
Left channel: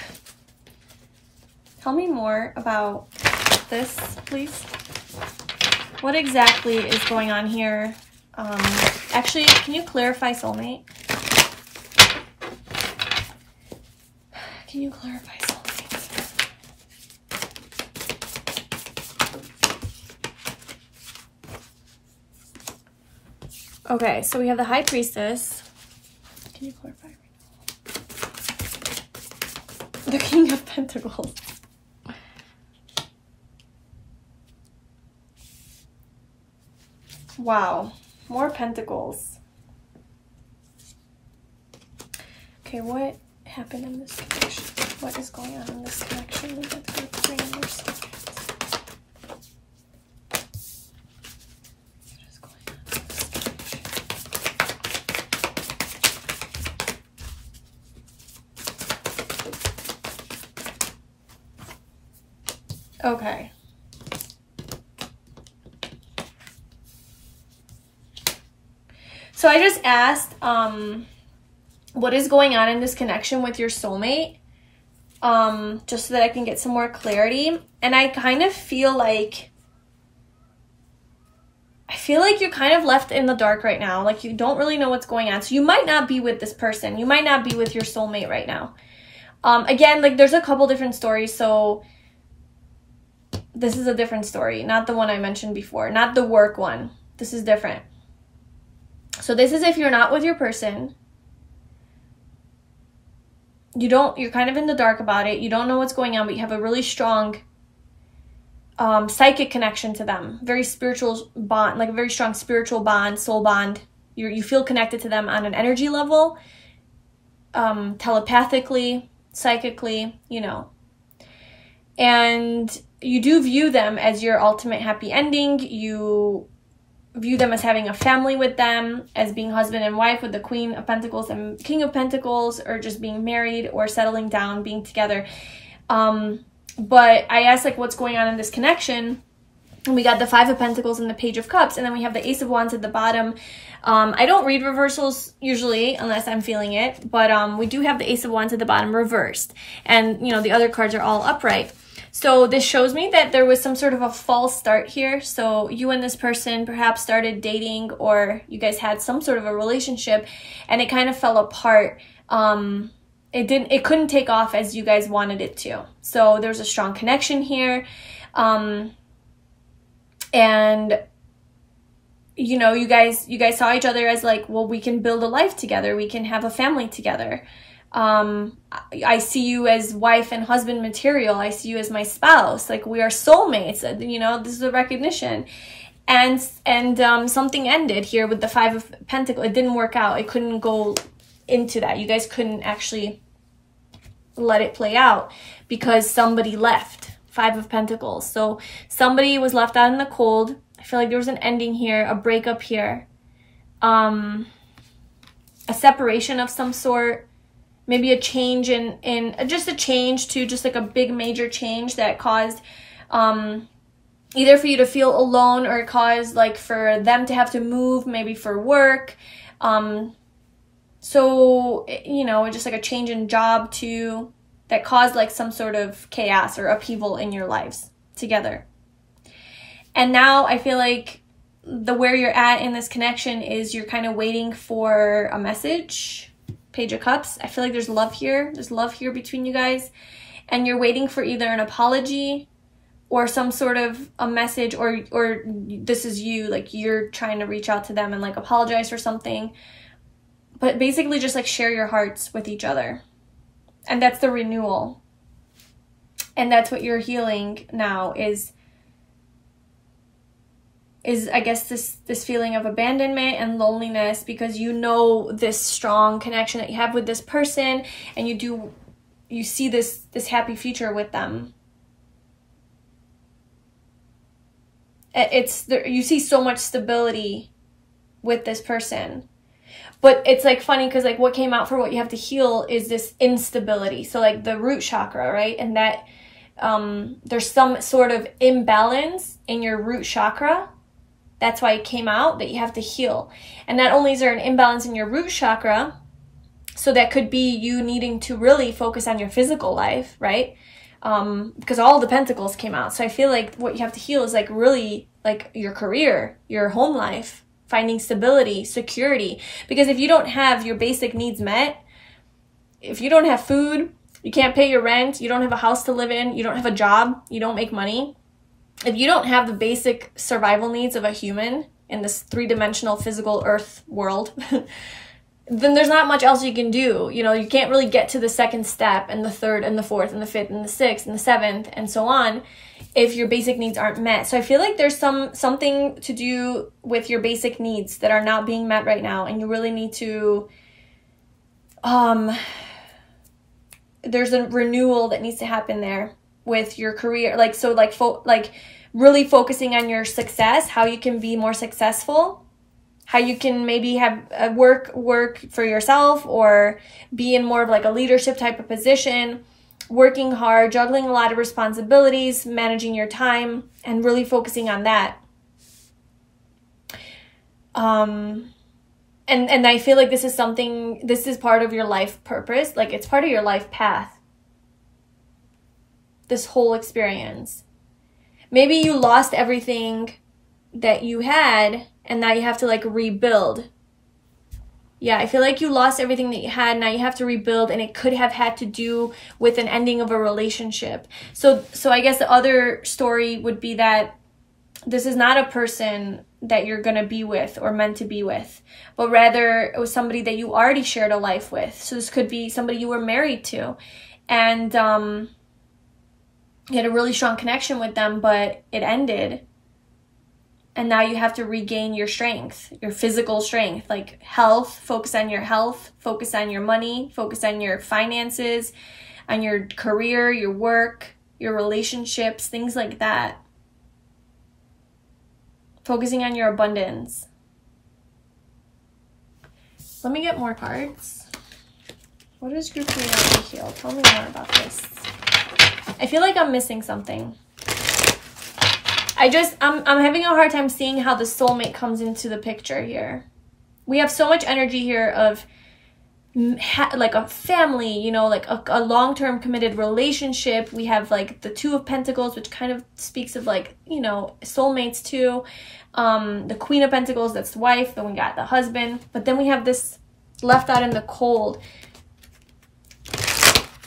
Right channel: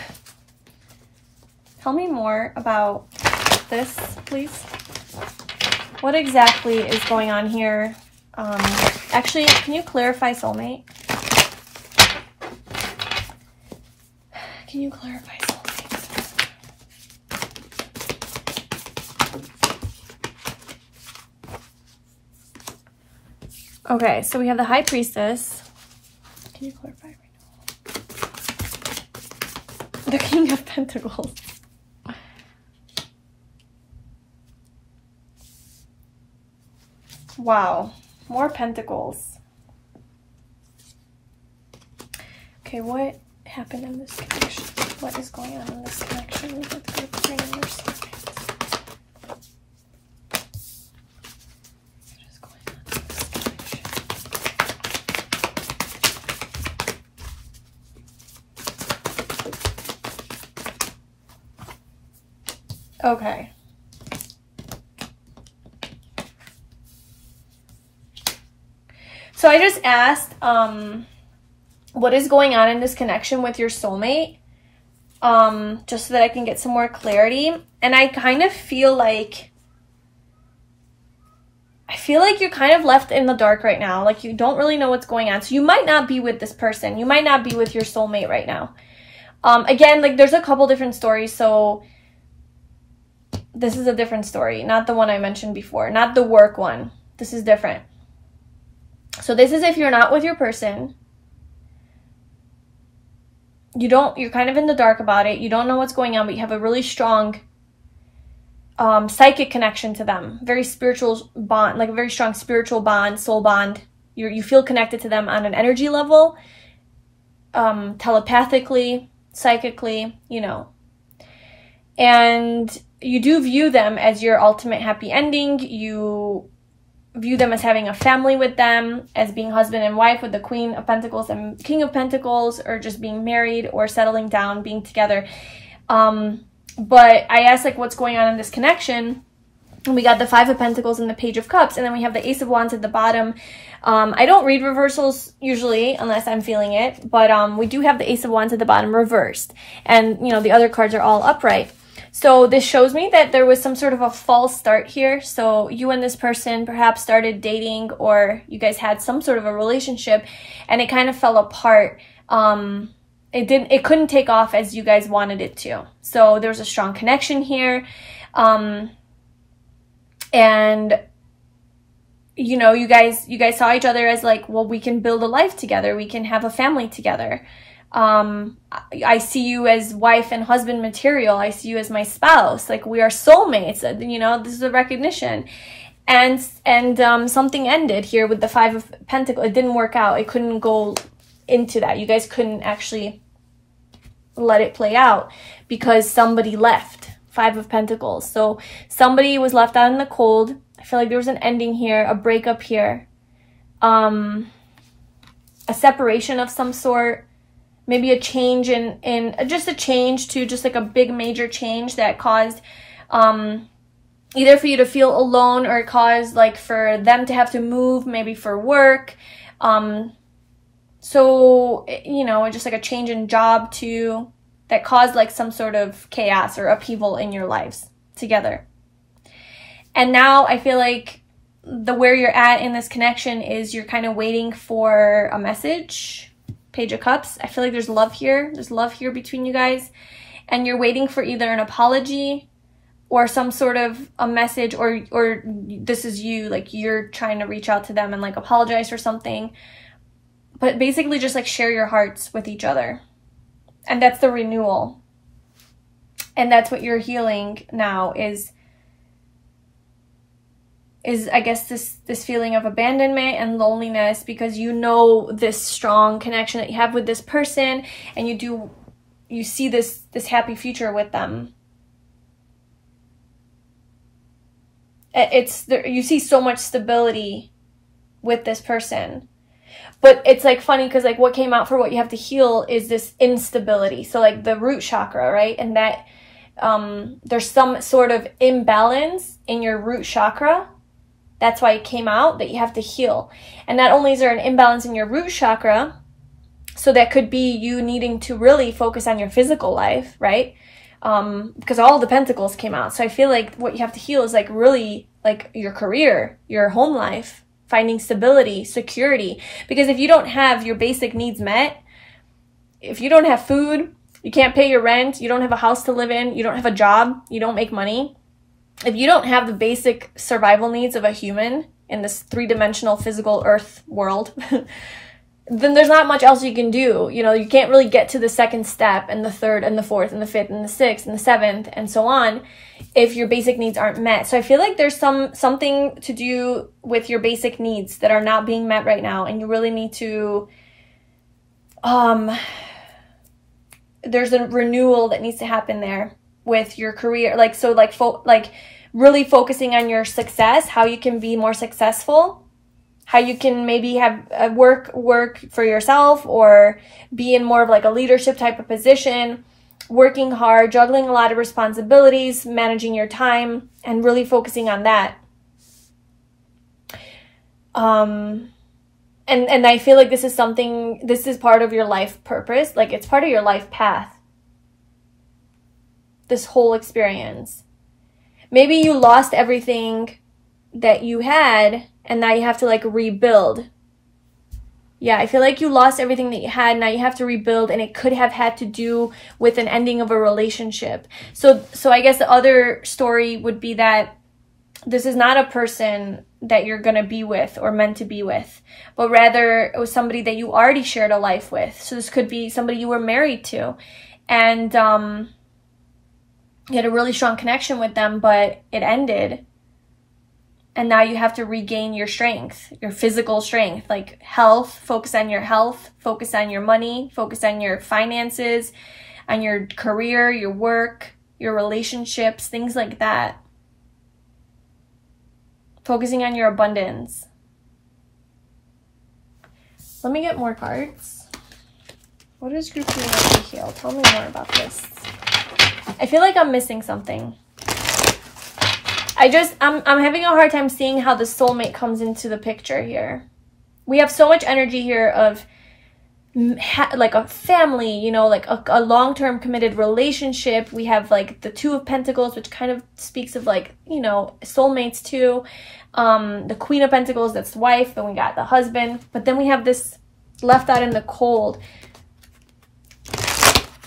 Tell me more about this, please. What exactly is going on here? Actually, can you clarify soulmate? Can you clarify soulmate? Okay, so we have the High Priestess. Can you clarify? The King of Pentacles. Wow, more pentacles. Okay, what happened in this connection? What is going on in this connection with your Queen and your soulmate? What is going on in this connection? Okay. So I just asked, what is going on in this connection with your soulmate? Just so that I can get some more clarity. And I kind of feel like, you're kind of left in the dark right now. Like you don't really know what's going on. So you might not be with this person. You might not be with your soulmate right now. Again, like there's a couple different stories. So this is a different story, not the one I mentioned before, not the work one. This is different. So this is if you're not with your person, you're kind of in the dark about it. You don't know what's going on, but you have a really strong psychic connection to them. Very spiritual bond, like a very strong spiritual bond, soul bond. You feel connected to them on an energy level, telepathically, psychically, you know. And you do view them as your ultimate happy ending. You view them as having a family with them, as being husband and wife with the Queen of Pentacles and King of Pentacles, or just being married or settling down, being together. But I asked like what's going on in this connection, and we got the Five of Pentacles and the Page of Cups, and then we have the Ace of Wands at the bottom. I don't read reversals usually unless I'm feeling it, but we do have the Ace of Wands at the bottom reversed, and you know the other cards are all upright. So this shows me that there was some sort of a false start here. So you and this person perhaps started dating, or you guys had some sort of a relationship and it kind of fell apart. It couldn't take off as you guys wanted it to. So there's a strong connection here. And you know, you guys saw each other as like, well, we can build a life together. We can have a family together. I see you as wife and husband material. I see you as my spouse. Like we are soulmates. You know, this is a recognition. And something ended here with the Five of Pentacles. It didn't work out. It couldn't go into that. You guys couldn't actually let it play out because somebody left. Five of Pentacles. So somebody was left out in the cold. I feel like there was an ending here, a breakup here, a separation of some sort. Maybe a change in just a change to just like a big major change that caused either for you to feel alone, or it caused like for them to have to move, maybe for work. So, you know, just like a change in job too, that caused like some sort of chaos or upheaval in your lives together. And now I feel like where you're at in this connection is you're kind of waiting for a message. Page of Cups. I feel like there's love here. There's love here between you guys. And you're waiting for either an apology or some sort of a message, or this is you, like you're trying to reach out to them and like apologize for something. But basically just like share your hearts with each other. And that's the renewal. And that's what you're healing now is I guess this feeling of abandonment and loneliness, because you know this strong connection that you have with this person, and you see this happy future with them. You see so much stability with this person. But it's like funny because like what came out for what you have to heal is this instability. So like the root chakra, right? And that there's some sort of imbalance in your root chakra. That's why it came out that you have to heal. And not only is there an imbalance in your root chakra, so that could be you needing to really focus on your physical life, right? Because all the pentacles came out. So I feel like what you have to heal is like really like your career, your home life, finding stability, security. Because if you don't have your basic needs met, if you don't have food, you can't pay your rent, you don't have a house to live in, you don't have a job, you don't make money. If you don't have the basic survival needs of a human in this three-dimensional physical earth world, then there's not much else you can do. You know, you can't really get to the second step and the third and the fourth and the fifth and the sixth and the seventh and so on if your basic needs aren't met. So I feel like there's something to do with your basic needs that are not being met right now, and you really need to there's a renewal that needs to happen there with your career. Like, so like really focusing on your success, how you can be more successful, how you can maybe have work for yourself or be in more of like a leadership type of position, working hard, juggling a lot of responsibilities, managing your time, and really focusing on that. And I feel like this is part of your life purpose. Like, it's part of your life path. This whole experience. Maybe you lost everything that you had and now you have to like rebuild. Yeah, I feel like you lost everything that you had. Now you have to rebuild, and it could have had to do with an ending of a relationship. So I guess the other story would be that this is not a person that you're going to be with or meant to be with, but rather it was somebody that you already shared a life with. So this could be somebody you were married to, and you had a really strong connection with them, but it ended. And now you have to regain your strength, your physical strength, like health, focus on your health, focus on your money, focus on your finances, on your career, your work, your relationships, things like that. Focusing on your abundance. Let me get more cards. What is group 3 have to heal? Tell me more about this. I feel like I'm missing something. I'm having a hard time seeing how the soulmate comes into the picture here. We have so much energy here of like a family, you know, like a long-term committed relationship. We have like the Two of Pentacles, which kind of speaks of like, you know, soulmates too. The Queen of Pentacles, that's the wife, and we got the husband. But then we have this left out in the cold.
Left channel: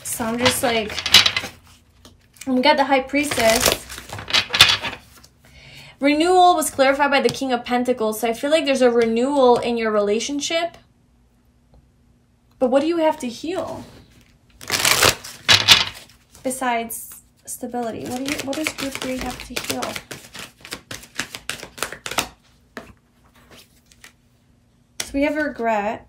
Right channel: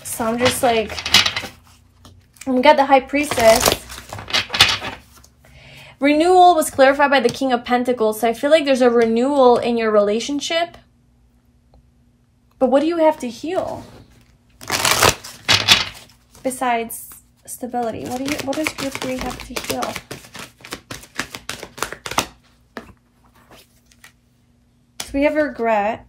So I'm just like, we got the High Priestess. Renewal was clarified by the King of Pentacles. So I feel like there's a renewal in your relationship. But what do you have to heal? Besides stability. What does group 3 have to heal? So we have regret.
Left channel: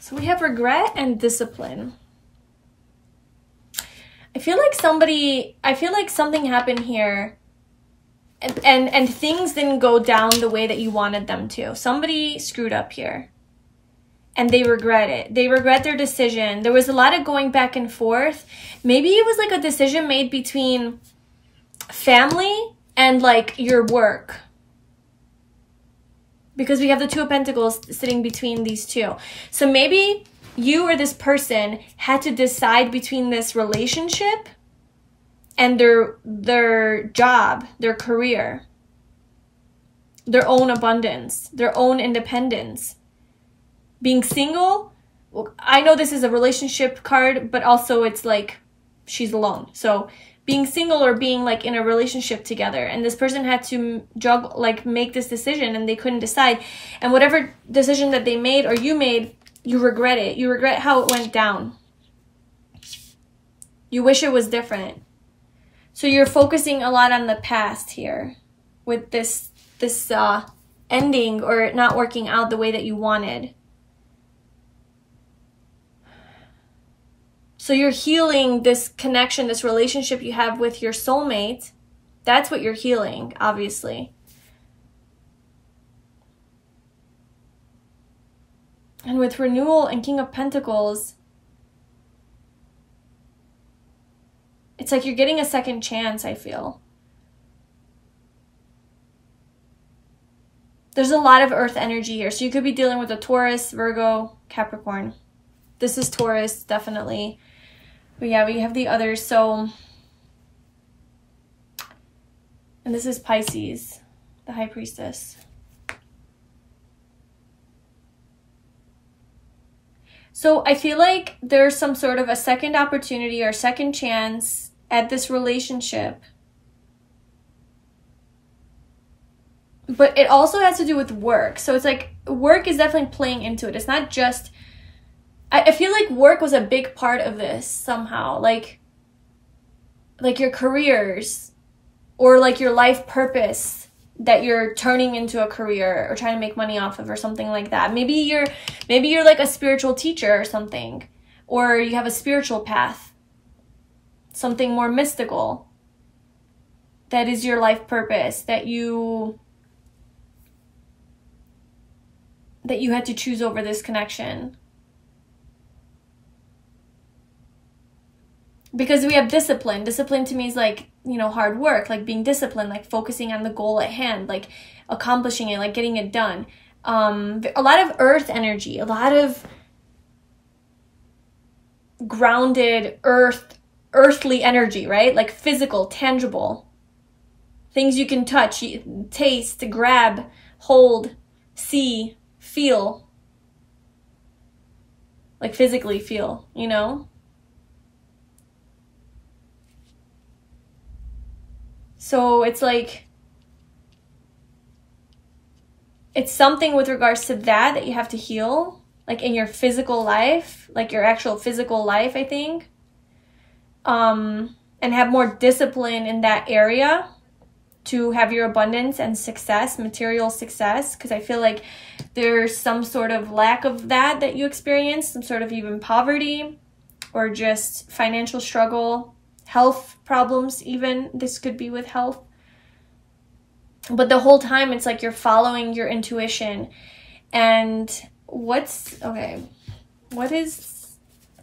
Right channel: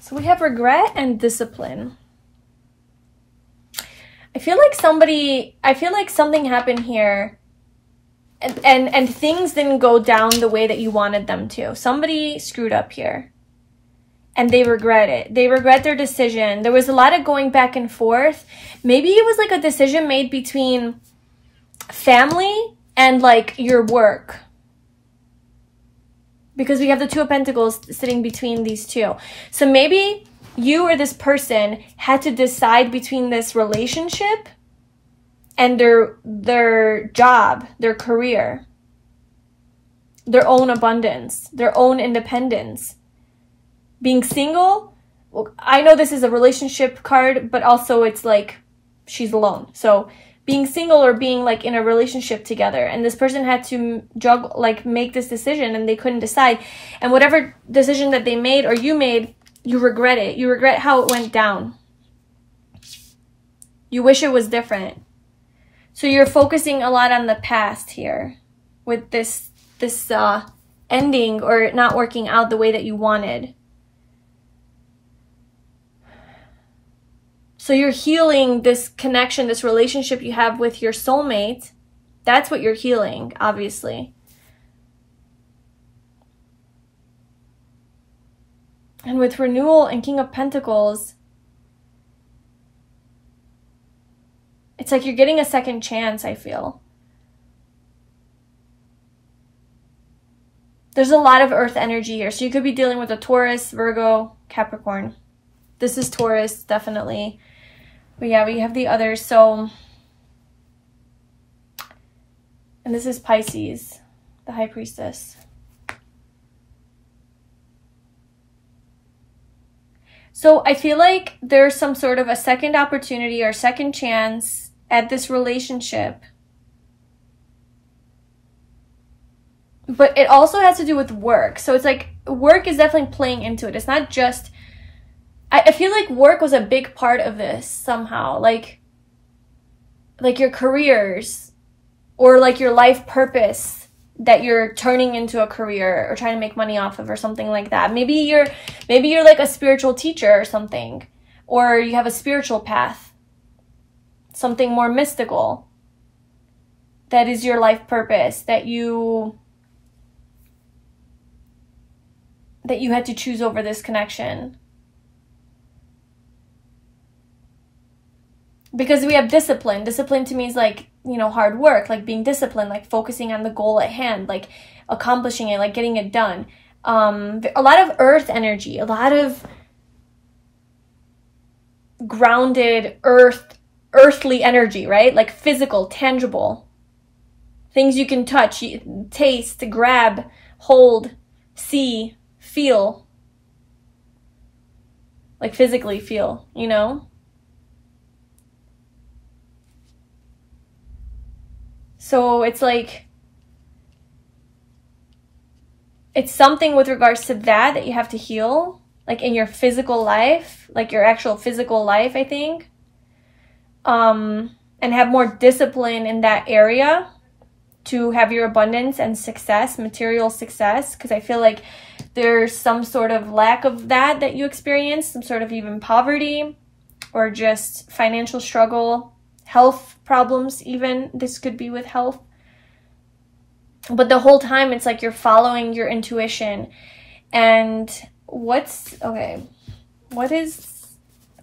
So we have regret and discipline. I feel like something happened here and things didn't go down the way that you wanted them to. Somebody screwed up here and they regret it. They regret their decision. There was a lot of going back and forth. Maybe it was like a decision made between family and like your work. Because we have the Two of Pentacles sitting between these two. So maybe you or this person had to decide between this relationship and their job, their career, their own abundance, their own independence. Being single, well, I know this is a relationship card, but also it's like she's alone. So being single or being like in a relationship together, and this person had to juggle, like make this decision, and they couldn't decide. And whatever decision that they made or you made, you regret it. You regret how it went down. You wish it was different. So you're focusing a lot on the past here with this ending or not working out the way that you wanted. So you're healing this connection, this relationship you have with your soulmate. That's what you're healing, obviously. And with renewal and King of Pentacles, it's like you're getting a second chance, I feel. There's a lot of earth energy here. So you could be dealing with a Taurus, Virgo, Capricorn. This is Taurus, definitely. But yeah, we have the others. So, and this is Pisces, the High Priestess. So I feel like there's some sort of a second opportunity or second chance at this relationship. But it also has to do with work. So it's like work is definitely playing into it. It's not just, I feel like work was a big part of this somehow. Like your careers or like your life purpose that you're turning into a career or trying to make money off of or something like that. Maybe you're like a spiritual teacher or something, or you have a spiritual path, something more mystical. That is your life purpose that you had to choose over this connection. Because we have discipline. Discipline to me is like, you know, hard work, like being disciplined, like focusing on the goal at hand, like accomplishing it, like getting it done. A lot of earth energy, a lot of grounded earthly energy, right? Like physical, tangible. Things you can touch, taste, grab, hold, see, feel. Like physically feel, you know? So it's like, it's something with regards to that you have to heal, like in your physical life, like your actual physical life, I think. And have more discipline in that area to have your abundance and success, material success. Because I feel like there's some sort of lack of that you experience, some sort of even poverty or just financial struggle. Health problems even, this could be with health. But the whole time it's like you're following your intuition. And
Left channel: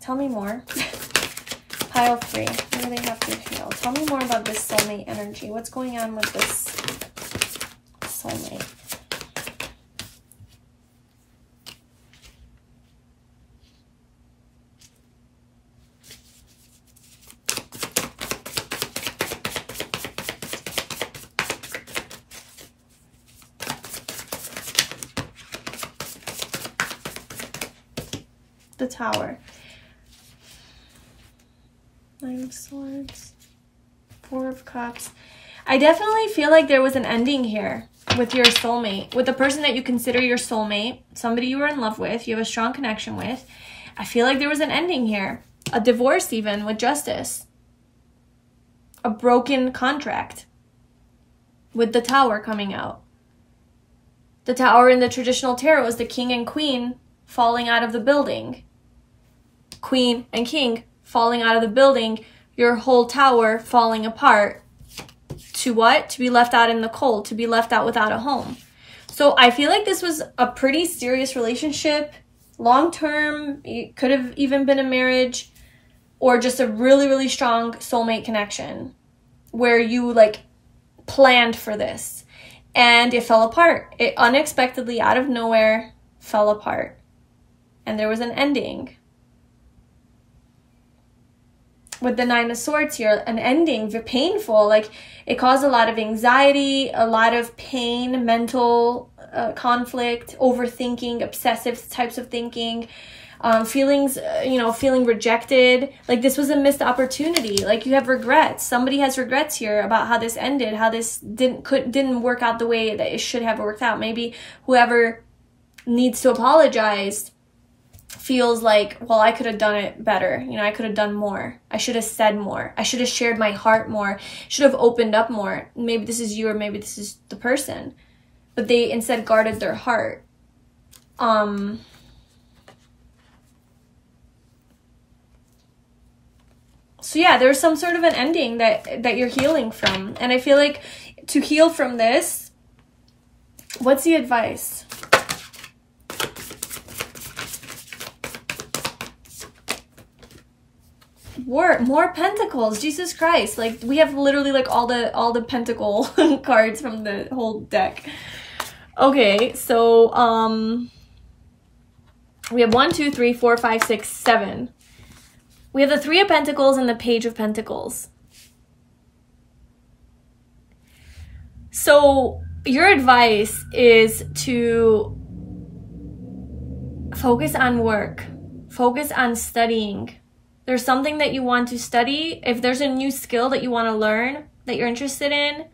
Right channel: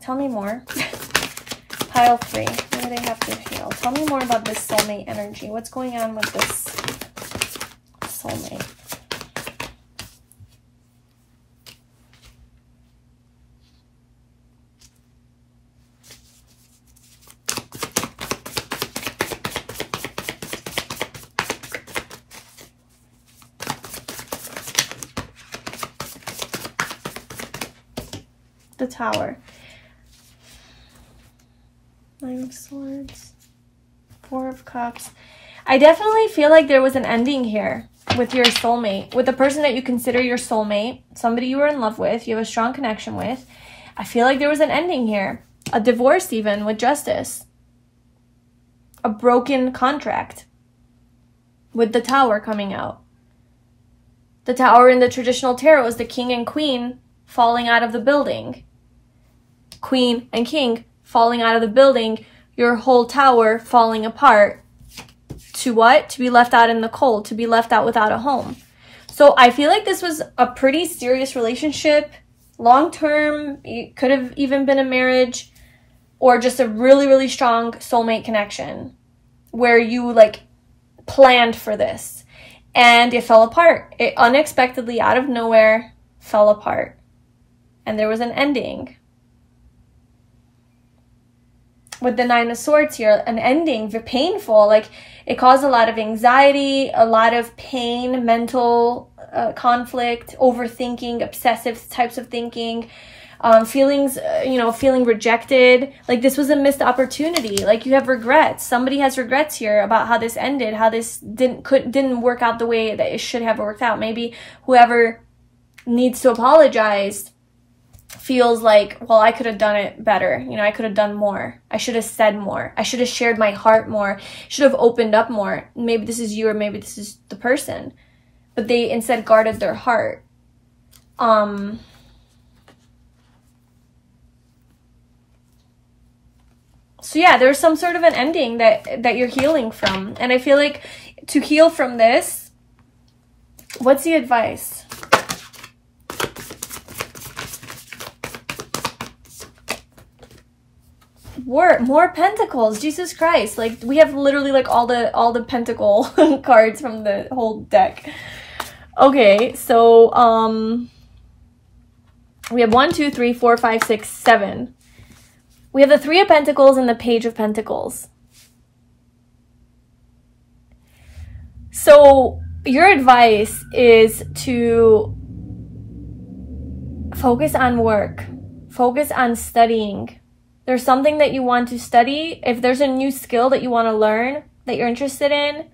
tell me more. Pile 3, what do they have to feel? Tell me more about this soulmate energy. What's going on with this soulmate? The Tower. 9 of Swords. 4 of Cups. I definitely feel like there was an ending here with your soulmate, with the person that you consider your soulmate, somebody you were in love with, you have a strong connection with. I feel like there was an ending here. A divorce even, with Justice. A broken contract. With the Tower coming out. The Tower in the traditional tarot is the King and Queen falling out of the building. Queen and King falling out of the building, your whole tower falling apart. To what? To be left out in the cold, to be left out without a home. So I feel like this was a pretty serious relationship, long-term. It could have even been a marriage or just a really, really strong soulmate connection where you like planned for this and it fell apart. It unexpectedly, out of nowhere, fell apart. And there was an ending. With the 9 of Swords here, an ending, painful, like it caused a lot of anxiety, a lot of pain, mental conflict, overthinking, obsessive types of thinking, feelings, feeling rejected. Like this was a missed opportunity. Like you have regrets. Somebody has regrets here about how this ended, how this didn't work out the way that it should have worked out. Maybe whoever needs to apologize feels like, well, I could have done it better. You know, I could have done more. I should have said more. I should have shared my heart more. Should have opened up more. Maybe this is you or maybe this is the person. But they instead guarded their heart. So yeah, there's some sort of an ending that you're healing from. And I feel like to heal from this, what's the advice? More pentacles. Jesus Christ. Like, we have literally like all the pentacle cards from the whole deck. Okay, so we have 1, 2, 3, 4, 5, 6, 7. We have the Three of Pentacles and the Page of Pentacles. So your advice is to focus on work, focus on studying. There's something that you want to study. If there's a new skill that you want to learn, that you're interested in,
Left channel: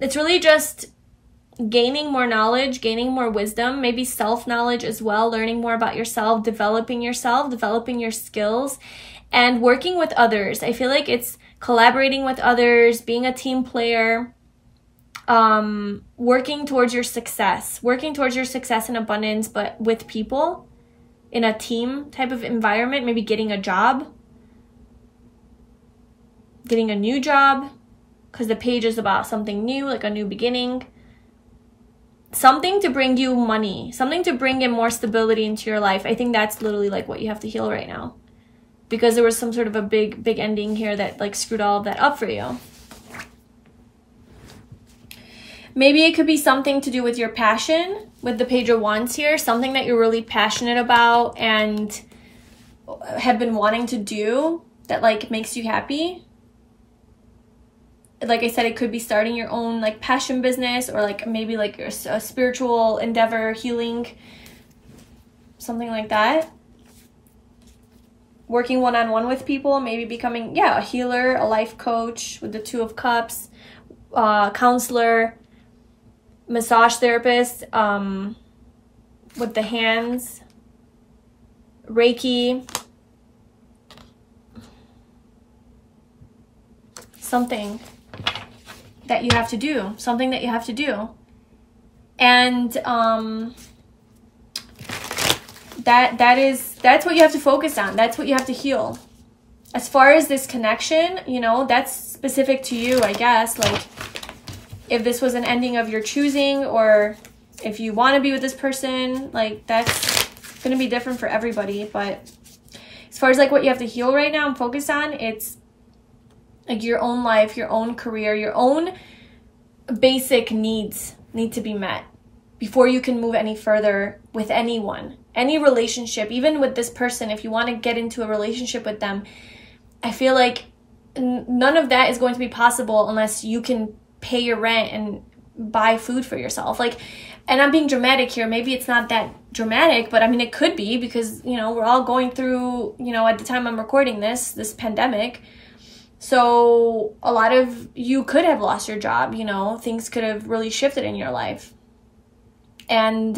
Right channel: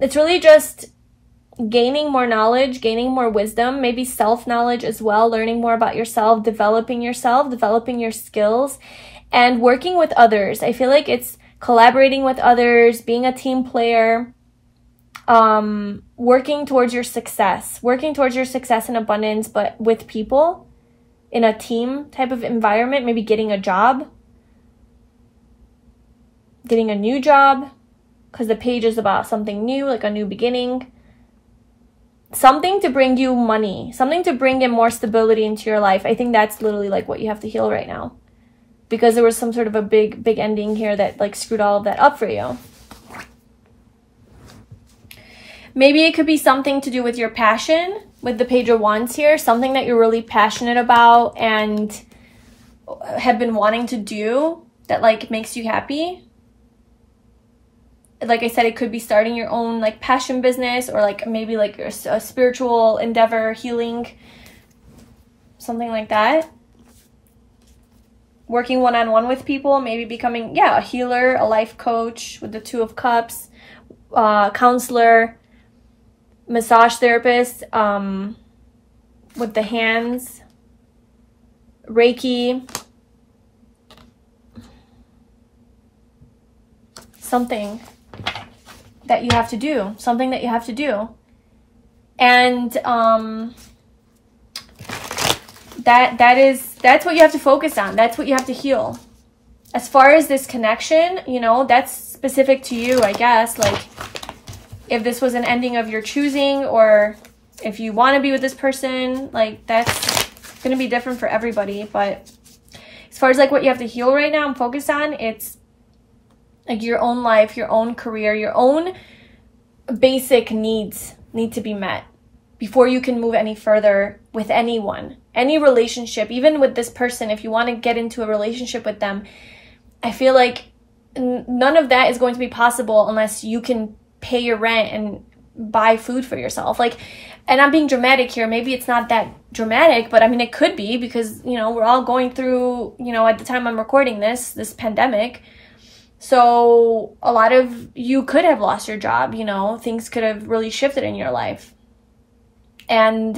it's really just gaining more knowledge, gaining more wisdom, maybe self-knowledge as well, learning more about yourself, developing your skills, and working with others. I feel like it's collaborating with others, being a team player, working towards your success and abundance, but with people in a team type of environment, maybe getting a job, getting a new job, because the page is about something new, like a new beginning. Something to bring you money, something to bring in more stability into your life. I think that's literally like what you have to heal right now, because there was some sort of a big ending here that like screwed all of that up for you. Maybe it could be something to do with your passion, with the Page of Wands here, something that you're really passionate about and have been wanting to do that like makes you happy. Like I said, it could be starting your own like passion business, or like maybe like a spiritual endeavor, healing, something like that. Working one-on-one with people, maybe becoming, yeah, a healer, a life coach with the Two of Cups, counselor, massage therapist, with the hands, Reiki, something that you have to do, and that's what you have to focus on. That's what you have to heal. As far as this connection, you know, that's specific to you, I guess. Like, if this was an ending of your choosing, or if you want to be with this person, like, that's gonna be different for everybody. But as far as like what you have to heal right now and focus on, it's like your own life, your own career, your own basic needs need to be met before you can move any further with anyone, any relationship. Even with this person, if you want to get into a relationship with them, I feel like none of that is going to be possible unless you can pay your rent and buy food for yourself. Like, and I'm being dramatic here. Maybe it's not that dramatic, but I mean, it could be, because, you know, we're all going through, you know, at the time I'm recording this pandemic. So a lot of you could have lost your job, you know, things could have really shifted in your life. And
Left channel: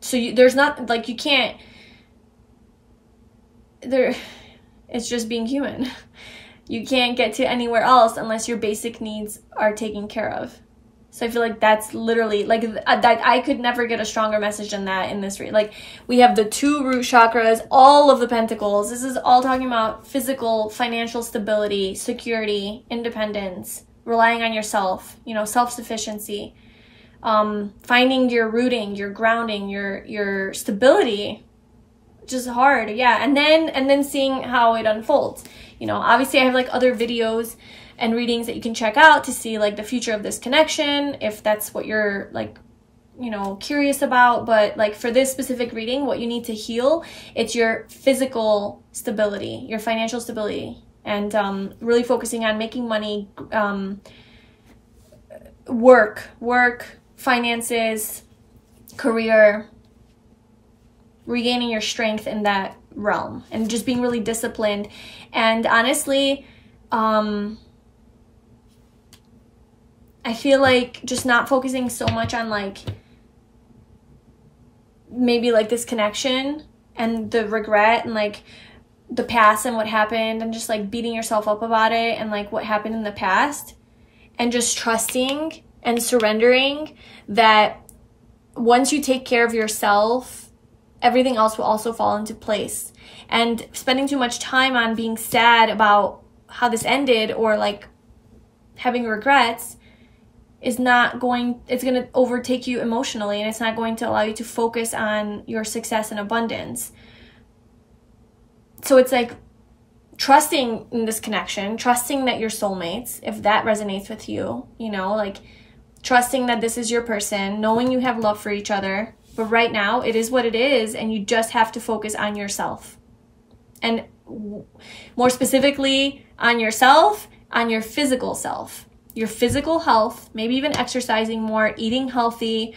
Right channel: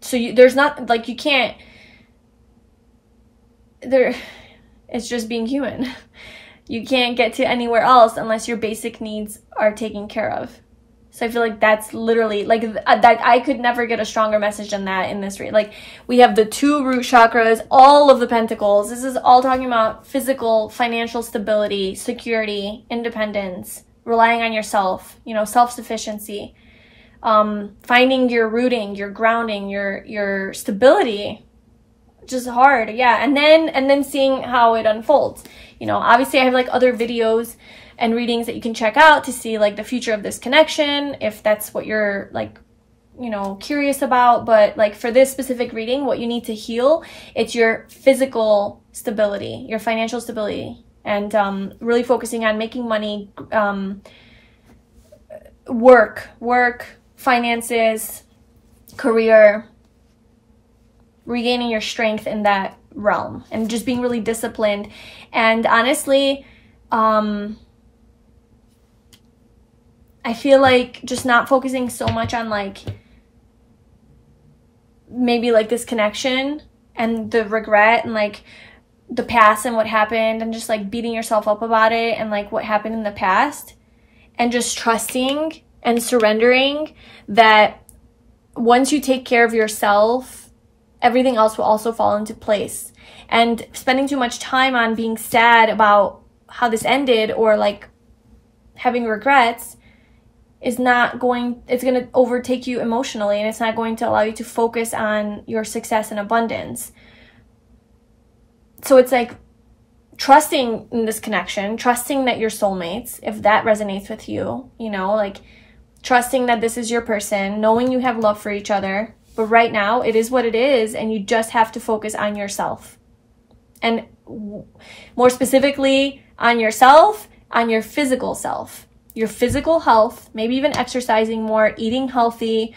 so there's not, like, you can't, it's just being human. You can't get to anywhere else unless your basic needs are taken care of. So I feel like that's literally, like, that I could never get a stronger message than that in this read. Like, we have the 2 root chakras, all of the pentacles. This is all talking about physical, financial stability, security, independence, relying on yourself, you know, self-sufficiency, finding your rooting, your grounding, your stability, which is hard. Yeah. And then seeing how it unfolds. You know, obviously I have like other videos and readings that you can check out to see like the future of this connection, if that's what you're like, you know, curious about. But like for this specific reading, what you need to heal, it's your physical stability, your financial stability, and really focusing on making money, work, finances, career, regaining your strength in that realm, and just being really disciplined. And honestly, I feel like just not focusing so much on like maybe like this connection and the regret and like the past and what happened, and just like beating yourself up about it and like what happened in the past, and just trusting and surrendering that once you take care of yourself, everything else will also fall into place. And spending too much time on being sad about how this ended, or like having regrets, is not going, it's going to overtake you emotionally, and it's not going to allow you to focus on your success and abundance. So it's like trusting in this connection, trusting that you're soulmates, if that resonates with you, you know, like trusting that this is your person, knowing you have love for each other. But right now, it is what it is, and you just have to focus on yourself. And more specifically, on yourself, on your physical self, your physical health, maybe even exercising more, eating healthy,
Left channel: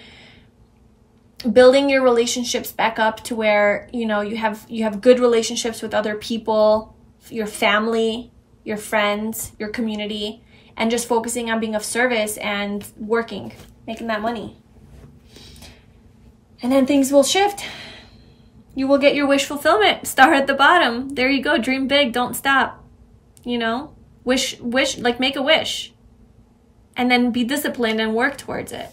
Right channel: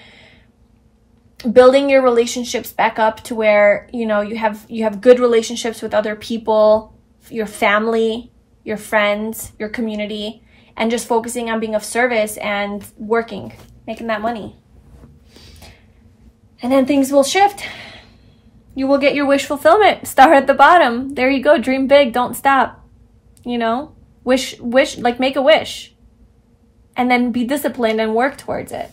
building your relationships back up to where, you know, you have good relationships with other people, your family, your friends, your community, and just focusing on being of service and working, making that money. And then things will shift. You will get your wish fulfillment. Star at the bottom. There you go. Dream big. Don't stop. You know, wish, like make a wish. And then be disciplined and work towards it.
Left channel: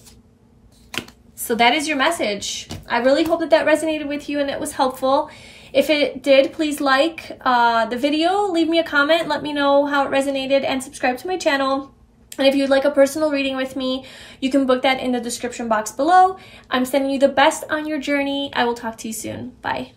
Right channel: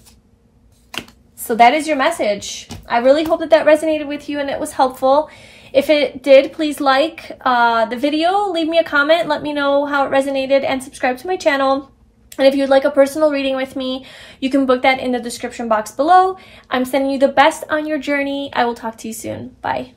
So that is your message. I really hope that that resonated with you and it was helpful. If it did, please like the video, leave me a comment, let me know how it resonated, and subscribe to my channel. And if you'd like a personal reading with me, you can book that in the description box below. I'm sending you the best on your journey. I will talk to you soon. Bye.